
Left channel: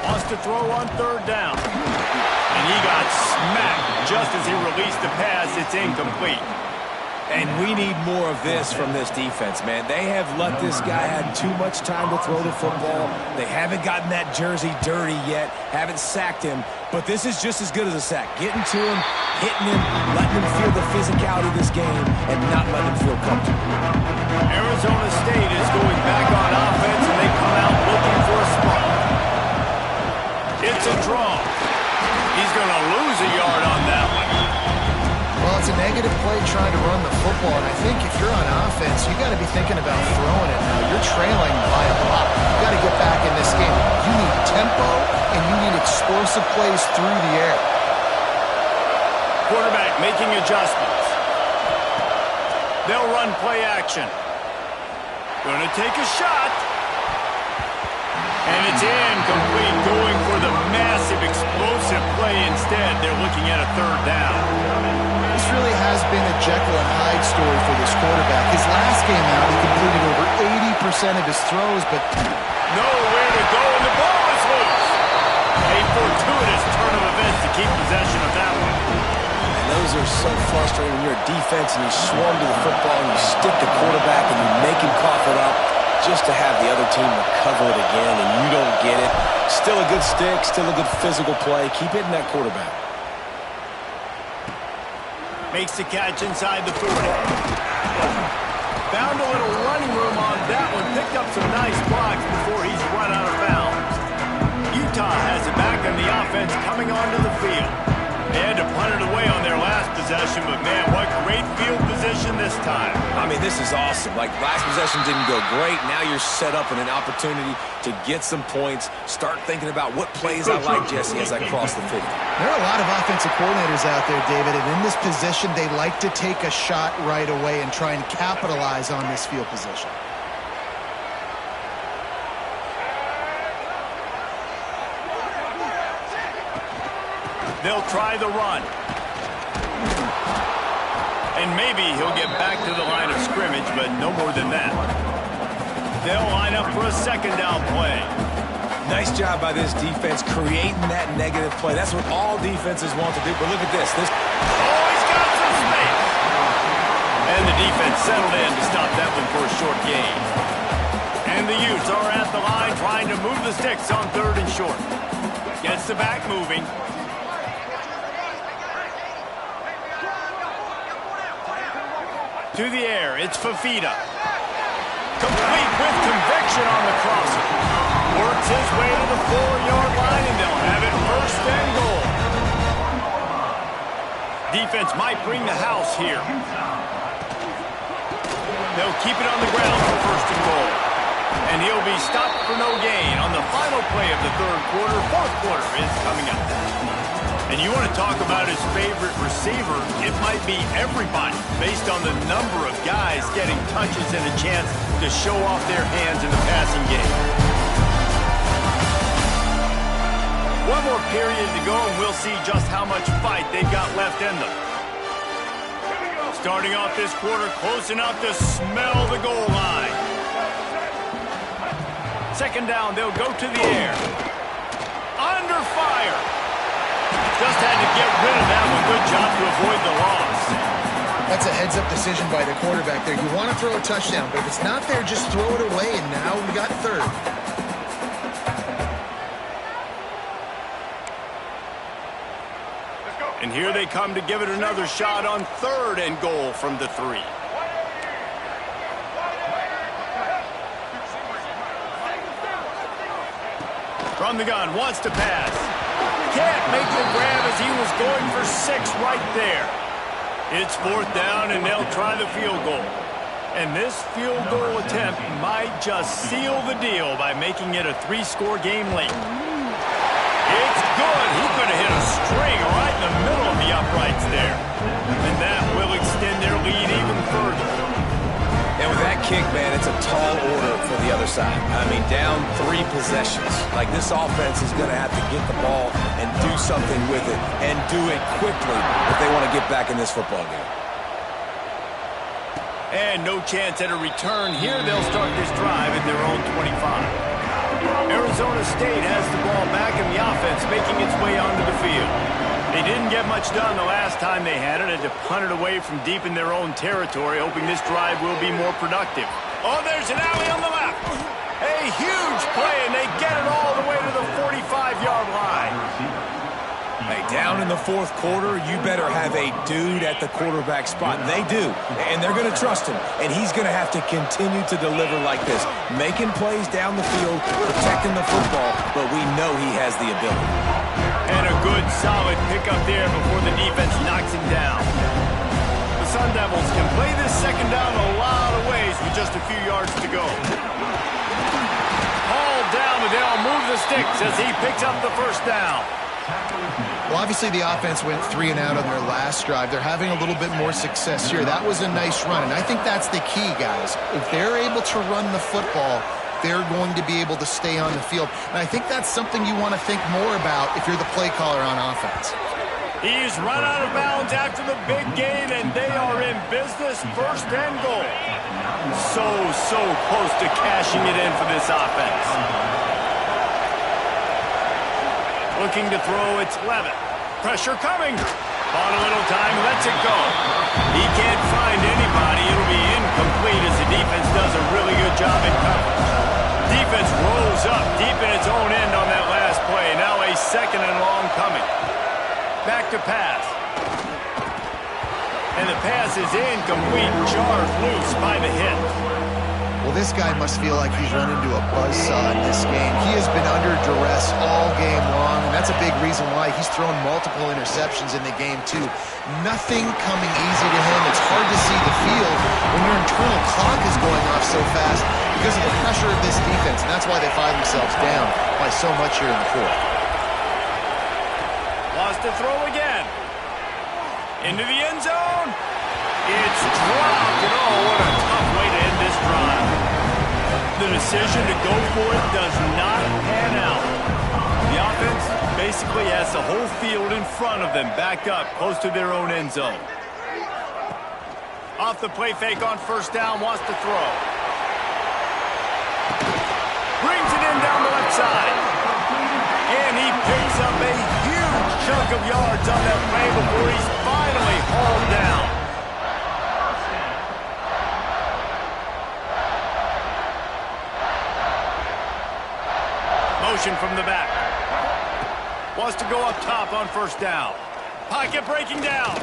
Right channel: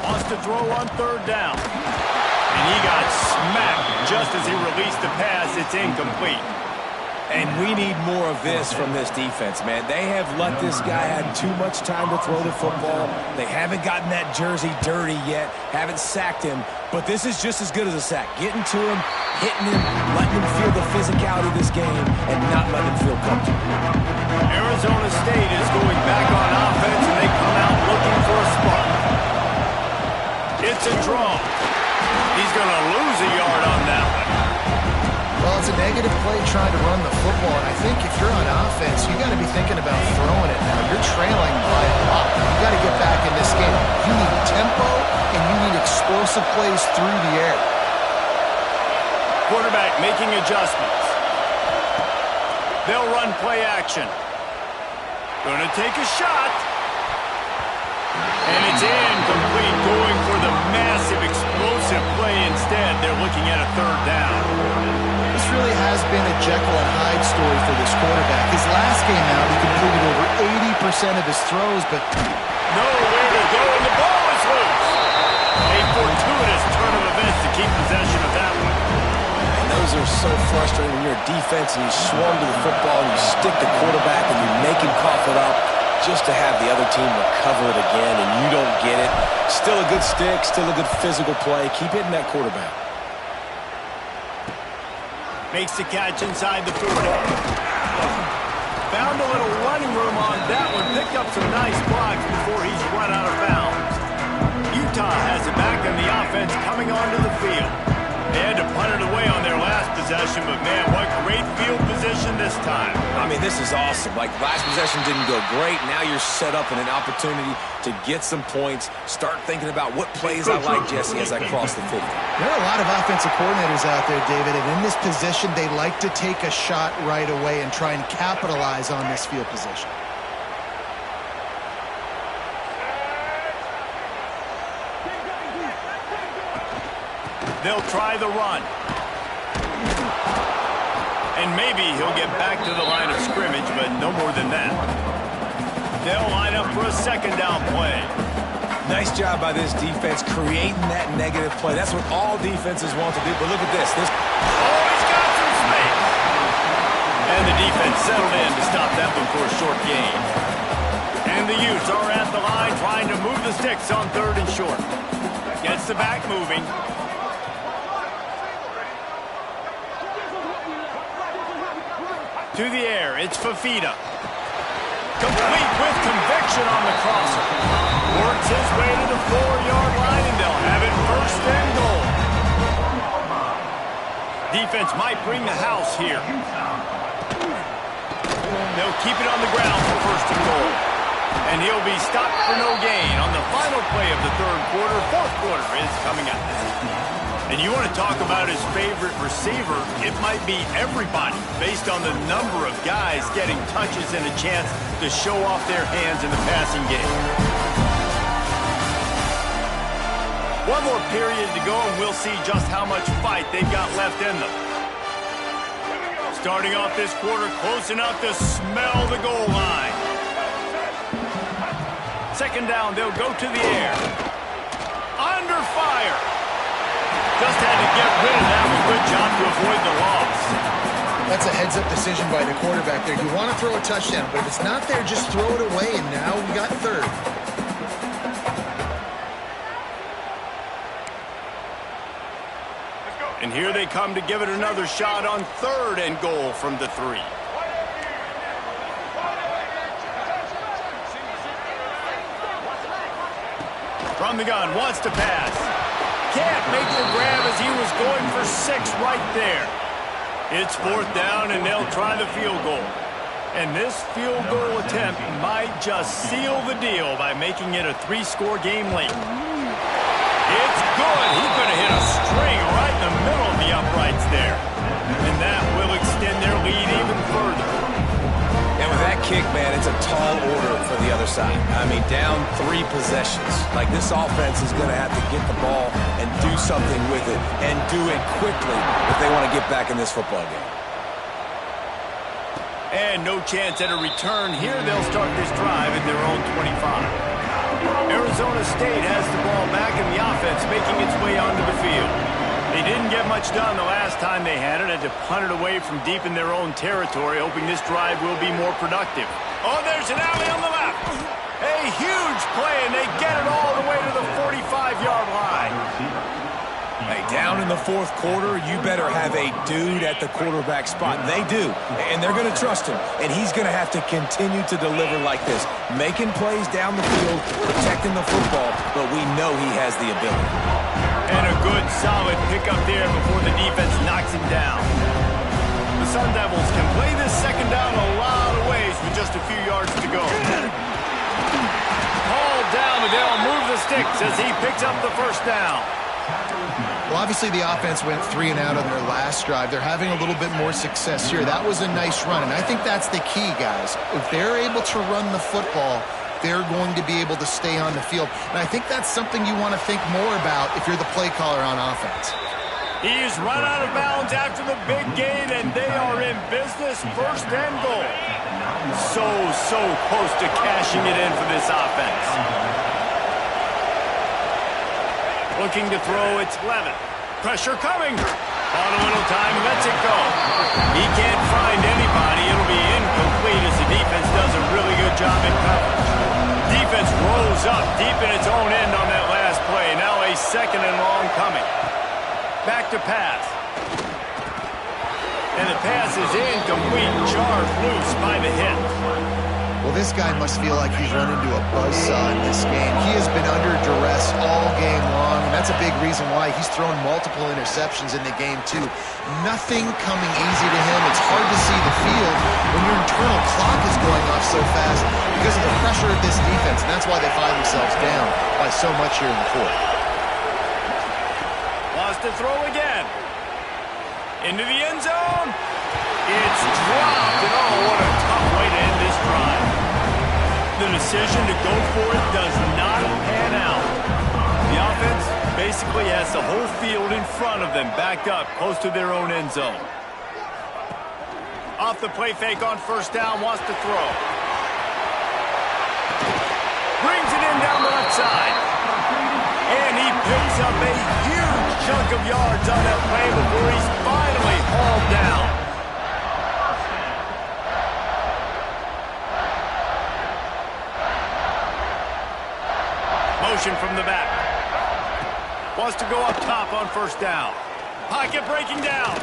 Wants to throw on 3rd down. And he got smacked just as he released the pass. It's incomplete. And we need more of this from this defense, man. They have let this guy have too much time to throw the football. They haven't gotten that jersey dirty yet, haven't sacked him. But this is just as good as a sack. Getting to him, hitting him, letting him feel the physicality of this game, and not letting him feel comfortable. Arizona State is going back on offense, and they come out looking for a spark. It's a draw. He's going to lose a yard on that one. Well, it's a negative play trying to run the football, and I think if you're on offense, you got to be thinking about throwing it now. You're trailing by a lot. You got to get back in this game. You need tempo, and you need explosive plays through the air. Quarterback making adjustments. They'll run play action. Going to take a shot. And it's incomplete, going for the massive explosive play instead. They're looking at a 3rd down. This really has been a Jekyll and Hyde story for this quarterback. His last game out, he completed over 80% of his throws, but nowhere to go, and the ball is loose. A fortuitous turn of events to keep possession of that one. And those are so frustrating when you're a defense and you swarm to the football and you stick the quarterback and you make him cough it up just to have the other team recover it again and you don't get it. Still a good stick, still a good physical play. Keep hitting that quarterback. Makes the catch inside the 40. Found a little running room on that one. Picked up some nice blocks before he's run out of bounds. Utah has it back in the offense coming onto the field. They had to punt it away on their last possession, but man, what great field position this time. I mean, this is awesome. Like, last possession didn't go great. Now you're set up in an opportunity to get some points. Start thinking about what plays I like, Jesse, as I cross the 50. There are a lot of offensive coordinators out there, David, and in this position, they like to take a shot right away and try and capitalize on this field position. They'll try the run. And maybe he'll get back to the line of scrimmage, but no more than that. They'll line up for a second down play. Nice job by this defense creating that negative play. That's what all defenses want to do. But look at this. Oh, he's got some space. And the defense settled in to stop that one for a short gain. And the Utes are at the line trying to move the sticks on 3rd and short. Gets the back moving. To the air, it's Fafita. Complete with conviction on the crosser. Works his way to the 4-yard line, and they'll have it 1st and goal. Defense might bring the house here. They'll keep it on the ground for 1st and goal. And he'll be stopped for no gain on the final play of the 3rd quarter. 4th quarter is coming up. And you want to talk about his favorite receiver, it might be everybody based on the number of guys getting touches and a chance to show off their hands in the passing game. One more period to go, and we'll see just how much fight they've got left in them. Starting off this quarter close enough to smell the goal line. 2nd down, they'll go to the air. Under fire. Just had to get rid of that one. Good job to avoid the loss. That's a heads-up decision by the quarterback there. You want to throw a touchdown, but if it's not there, just throw it away, and now we got 3rd. And here they come to give it another shot on 3rd and goal from the 3. From the gun, wants to pass. Can't make the grab as he was going for 6 right there. It's 4th down, and they'll try the field goal. And this field goal attempt might just seal the deal by making it a 3-score game late. It's good. He could have hit a string right in the middle of the uprights there. And that will extend their lead even further. And with that kick, man, it's a tall order for the other side. I mean, down 3 possessions. Like, this offense is going to have to get the ball and do something with it, and do it quickly if they want to get back in this football game. And no chance at a return here. They'll start this drive at their own 25. Arizona State has the ball back, and the offense making its way onto the field. They didn't get much done the last time they had it, and to punt it away from deep in their own territory, hoping this drive will be more productive. Oh, there's an alley on the left. A huge play, and they get it all the way to the 45-yard line. Hey, down in the 4th quarter, you better have a dude at the quarterback spot. And they do, and they're going to trust him. And he's going to have to continue to deliver like this, making plays down the field, protecting the football, but we know he has the ability. And a good, solid pickup there before the defense knocks him down. The Sun Devils can play this 2nd down a lot of ways with just a few yards to go. Hauled down, but they'll move the sticks as he picks up the 1st down. Well, obviously the offense went 3 and out on their last drive. They're having a little bit more success here. That was a nice run, and I think that's the key, guys. If they're able to run the football, they're going to be able to stay on the field. And I think that's something you want to think more about if you're the play caller on offense. He's run out of bounds after the big gain, and they are in business. 1st and goal. So close to cashing it in for this offense. Looking to throw, it's Levitt. Pressure coming. Bought a little time, lets it go. He can't find anybody. It'll be incomplete as the defense does a really good job in coverage. Defense rolls up deep in its own end on that last play. Now a 2nd and long coming. Back to pass. And the pass is incomplete. Jarred loose by the hit. Well, this guy must feel like he's run into a buzzsaw in this game. He has been under duress all game long, and that's a big reason why he's thrown multiple interceptions in the game, too. Nothing coming easy to him. It's hard to see the field when your internal clock is going off so fast because of the pressure of this defense, and that's why they find themselves down by so much here in the 4th. Wants to throw again. Into the end zone. It's dropped, and oh, what a tough way to end this drive. The decision to go for it does not pan out. The offense basically has the whole field in front of them, backed up close to their own end zone. Off the play fake on 1st down, wants to throw. Brings it in down the left side. And he picks up a huge chunk of yards on that play before he's finally hauled down. Motion from the back. Wants to go up top on first down. Pocket breaking down.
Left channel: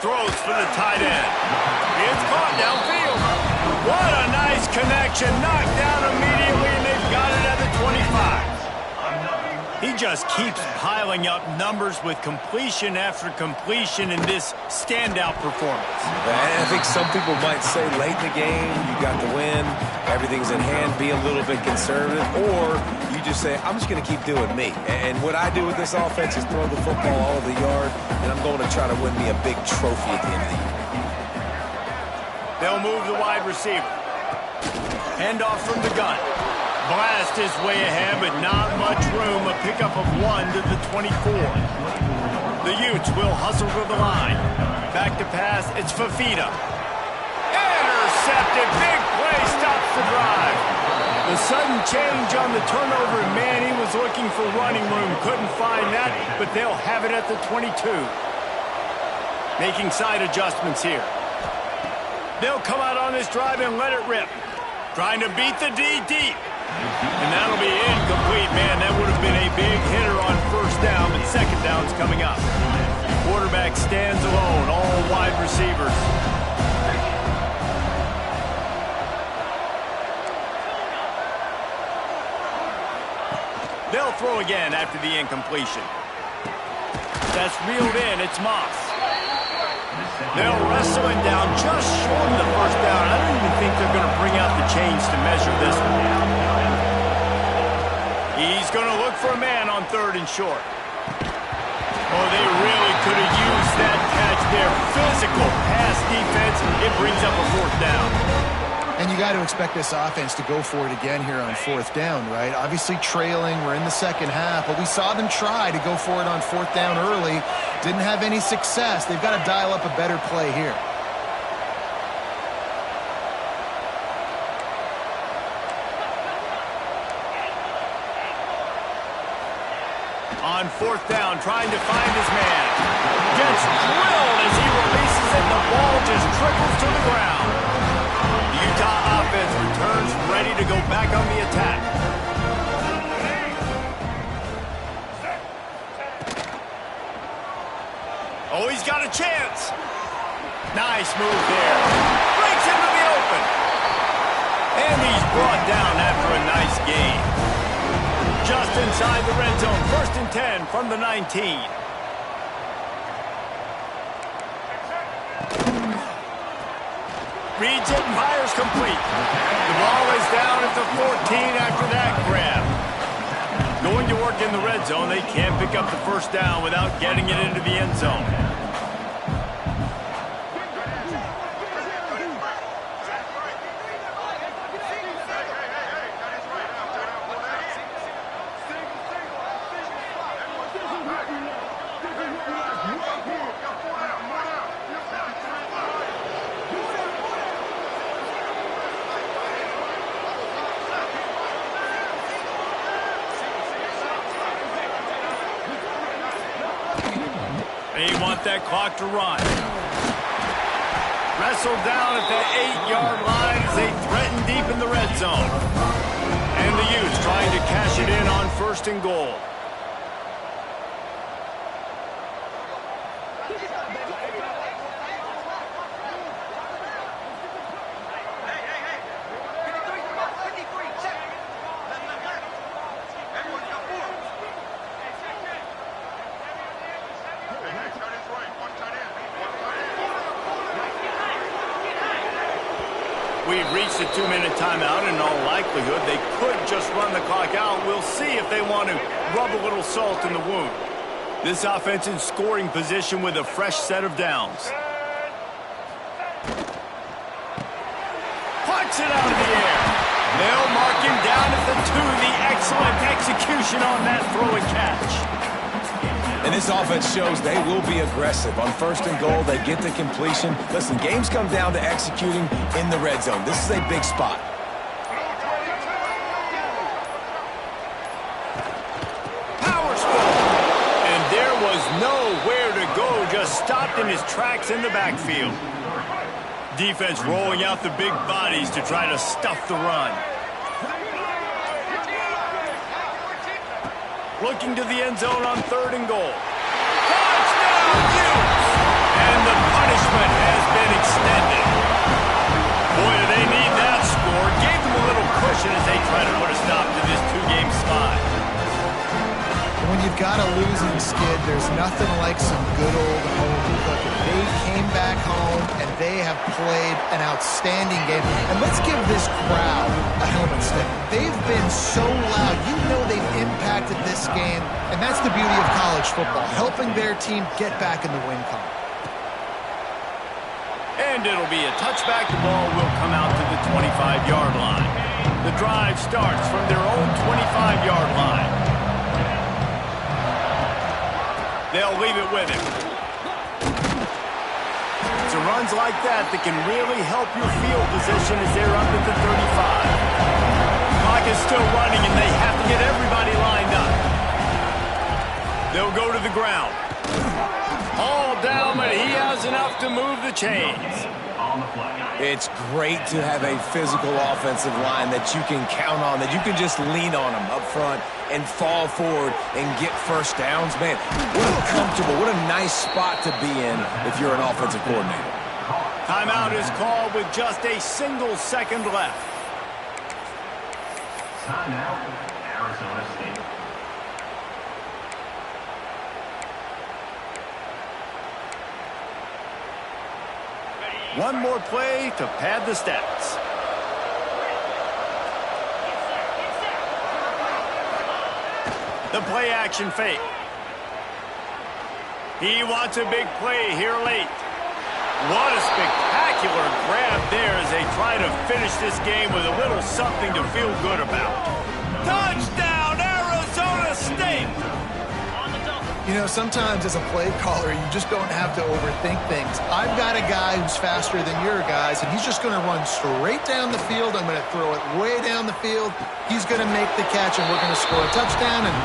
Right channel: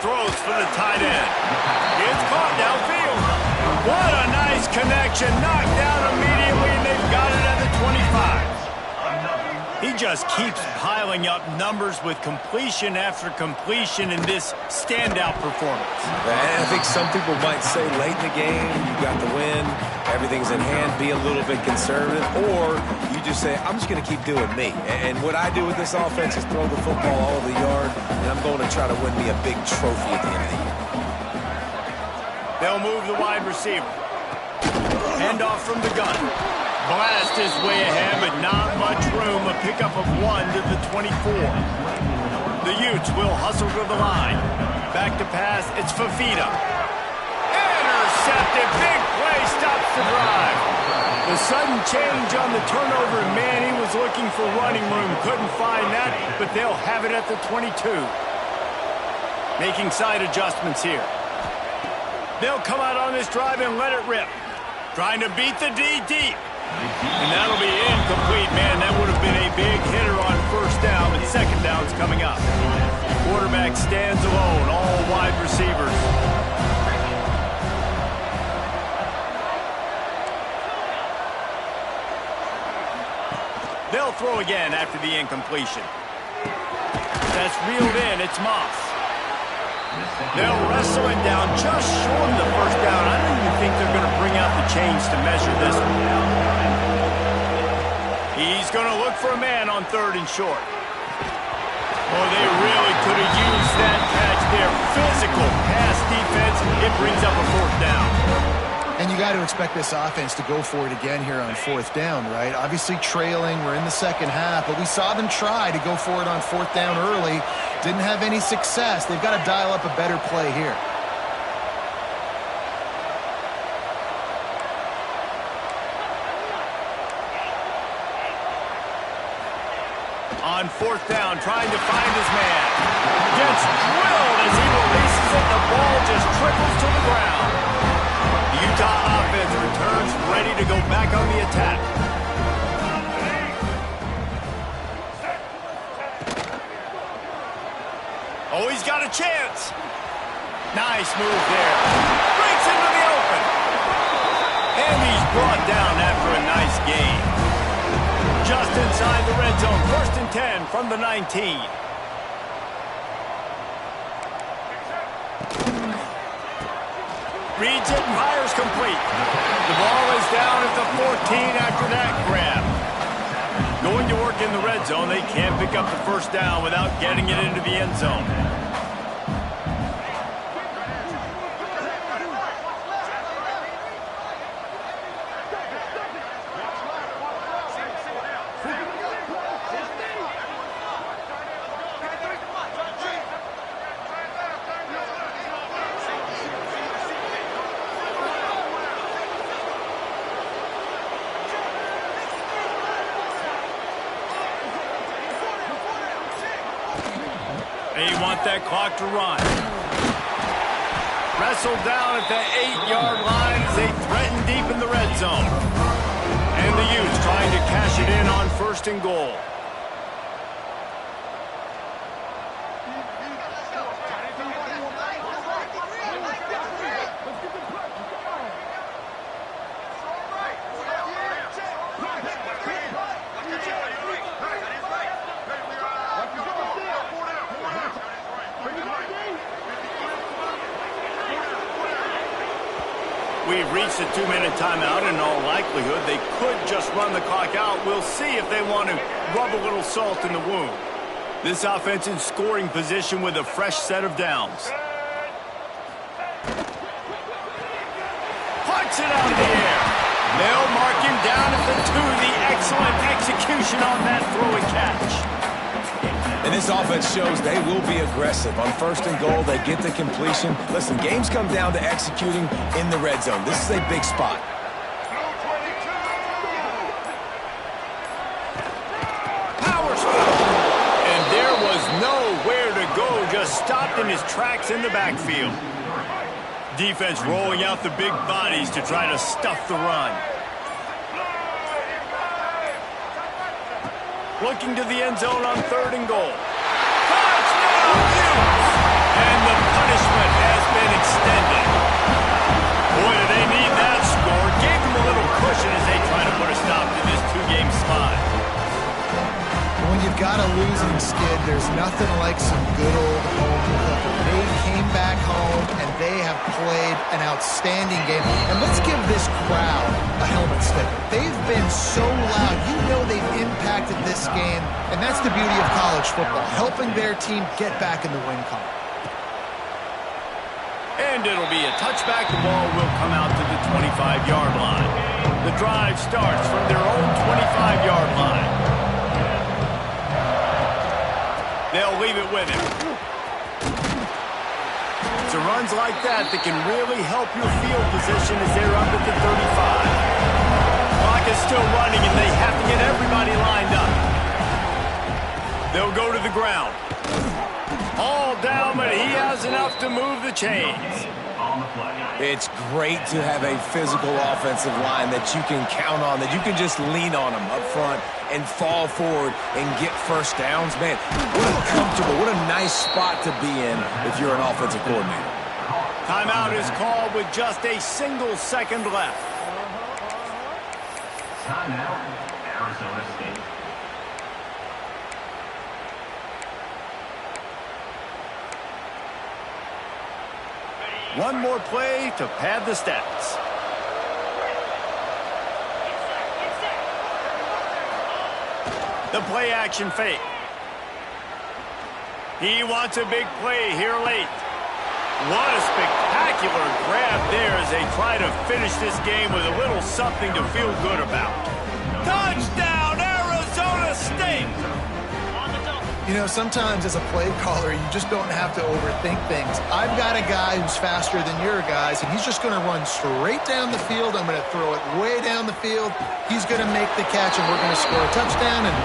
Throws for the tight end. It's caught downfield. What a nice connection. Knocked down immediately, and they've got it at the 25. He just keeps piling up numbers with completion after completion in this standout performance. I think some people might say late in the game, you got the win, everything's in hand, be a little bit conservative, or you just say, I'm just going to keep doing me. And what I do with this offense is throw the football all over the yard, and I'm going to try to win me a big trophy at the end of the year. They'll move the wide receiver. Handoff from the gun. Blast his way ahead, but not much room. A pickup of 1 to the 24. The Utes will hustle to the line. Back to pass, it's Fafita. Intercepted, big play, stops the drive. The sudden change on the turnover, man, he was looking for running room. Couldn't find that, but they'll have it at the 22. Making side adjustments here. They'll come out on this drive and let it rip. Trying to beat the D deep. And that'll be incomplete, man. That would have been a big hitter on first down, but second down's coming up. Quarterback stands alone, all wide receivers. They'll throw again after the incompletion. That's reeled in. It's Moss. They'll wrestle it down just short of the first down. I don't even think they're going to bring out the chains to measure this one. He's going to look for a man on 3rd and short. Oh, they really could have used that catch there. Physical pass defense. It brings up a 4th down. And you got to expect this offense to go for it again here on 4th down, right? Obviously trailing, we're in the second half, but we saw them try to go for it on 4th down early. Didn't have any success. They've got to dial up a better play here. On 4th down, trying to find his man. Gets drilled as he releases it. The ball just trickles to the ground. The Utah offense returns ready to go back on the attack. Oh, he's got a chance. Nice move there. Breaks into the open. And he's brought down after a nice gain. Just inside the red zone. 1st and 10 from the 19. Reads it and fires complete. The ball is down at the 14 after that grab. Going to work in the red zone. They can't pick up the first down without getting it into the end zone. They want that clock to run. Wrestled down at the 8-yard line as they threaten deep in the red zone. And the Utes trying to cash it in on 1st and goal. We've reached a 2-minute timeout. In all likelihood, they could just run the clock out. We'll see if they want to rub a little salt in the wound. This offense in scoring position with a fresh set of downs. Puts it out of the air. They'll mark him down at the 2. The excellent execution on that throw and catch. And this offense shows they will be aggressive. On 1st and goal, they get the completion. Listen, games come down to executing in the red zone. This is a big spot. just stopped in his tracks in the backfield. Defense rolling out the big bodies to try to stuff the run. Looking to the end zone on 3rd and goal. Touchdown, Utes! And the punishment has been extended. Boy, do they need that score. Gave them a little cushion as they try to put a stop to this 2-game slide. When you've got a losing skid, there's nothing like some good old home cooking. They came back home, and they have played an outstanding game. And let's give this crowd a helmet sticker. They've been so loud. You know they've impacted this game, and that's the beauty of college football, helping their team get back in the win column. And it'll be a touchback. The ball will come out to the 25-yard line. The drive starts from their own 25-yard line. They'll leave it with him. It's the runs like that that can really help your field position as they're up at the 35. Clock is still running, and they have to get everybody lined up. They'll go to the ground. All down, but he has enough to move the chains. It's great to have a physical offensive line that you can count on, that you can just lean on them up front and fall forward and get first downs. Man, what a comfortable, what a nice spot to be in if you're an offensive coordinator. Timeout is called with just a single second left. Timeout, Arizona State. One more play to pad the stats. The play action fake. He wants a big play here late. What a spectacular grab there as they try to finish this game with a little something to feel good about. Touchdown, Arizona State! You know, sometimes as a play caller, you just don't have to overthink things. I've got a guy who's faster than your guys, and he's just going to run straight down the field. I'm going to throw it way down the field. He's going to make the catch, and we're going to score a touchdown, and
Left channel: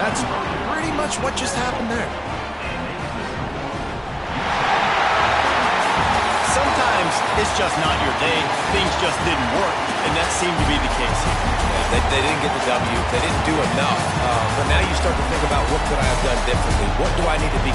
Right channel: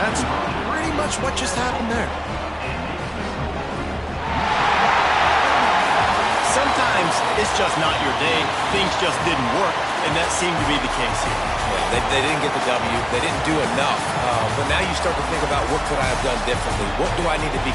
that's pretty much what just happened there. Sometimes it's just not your day. Things just didn't work, and that seemed to be the case here. Yeah, they didn't get the W. They didn't do enough. But now you start to think about, what could I have done differently? What do I need to be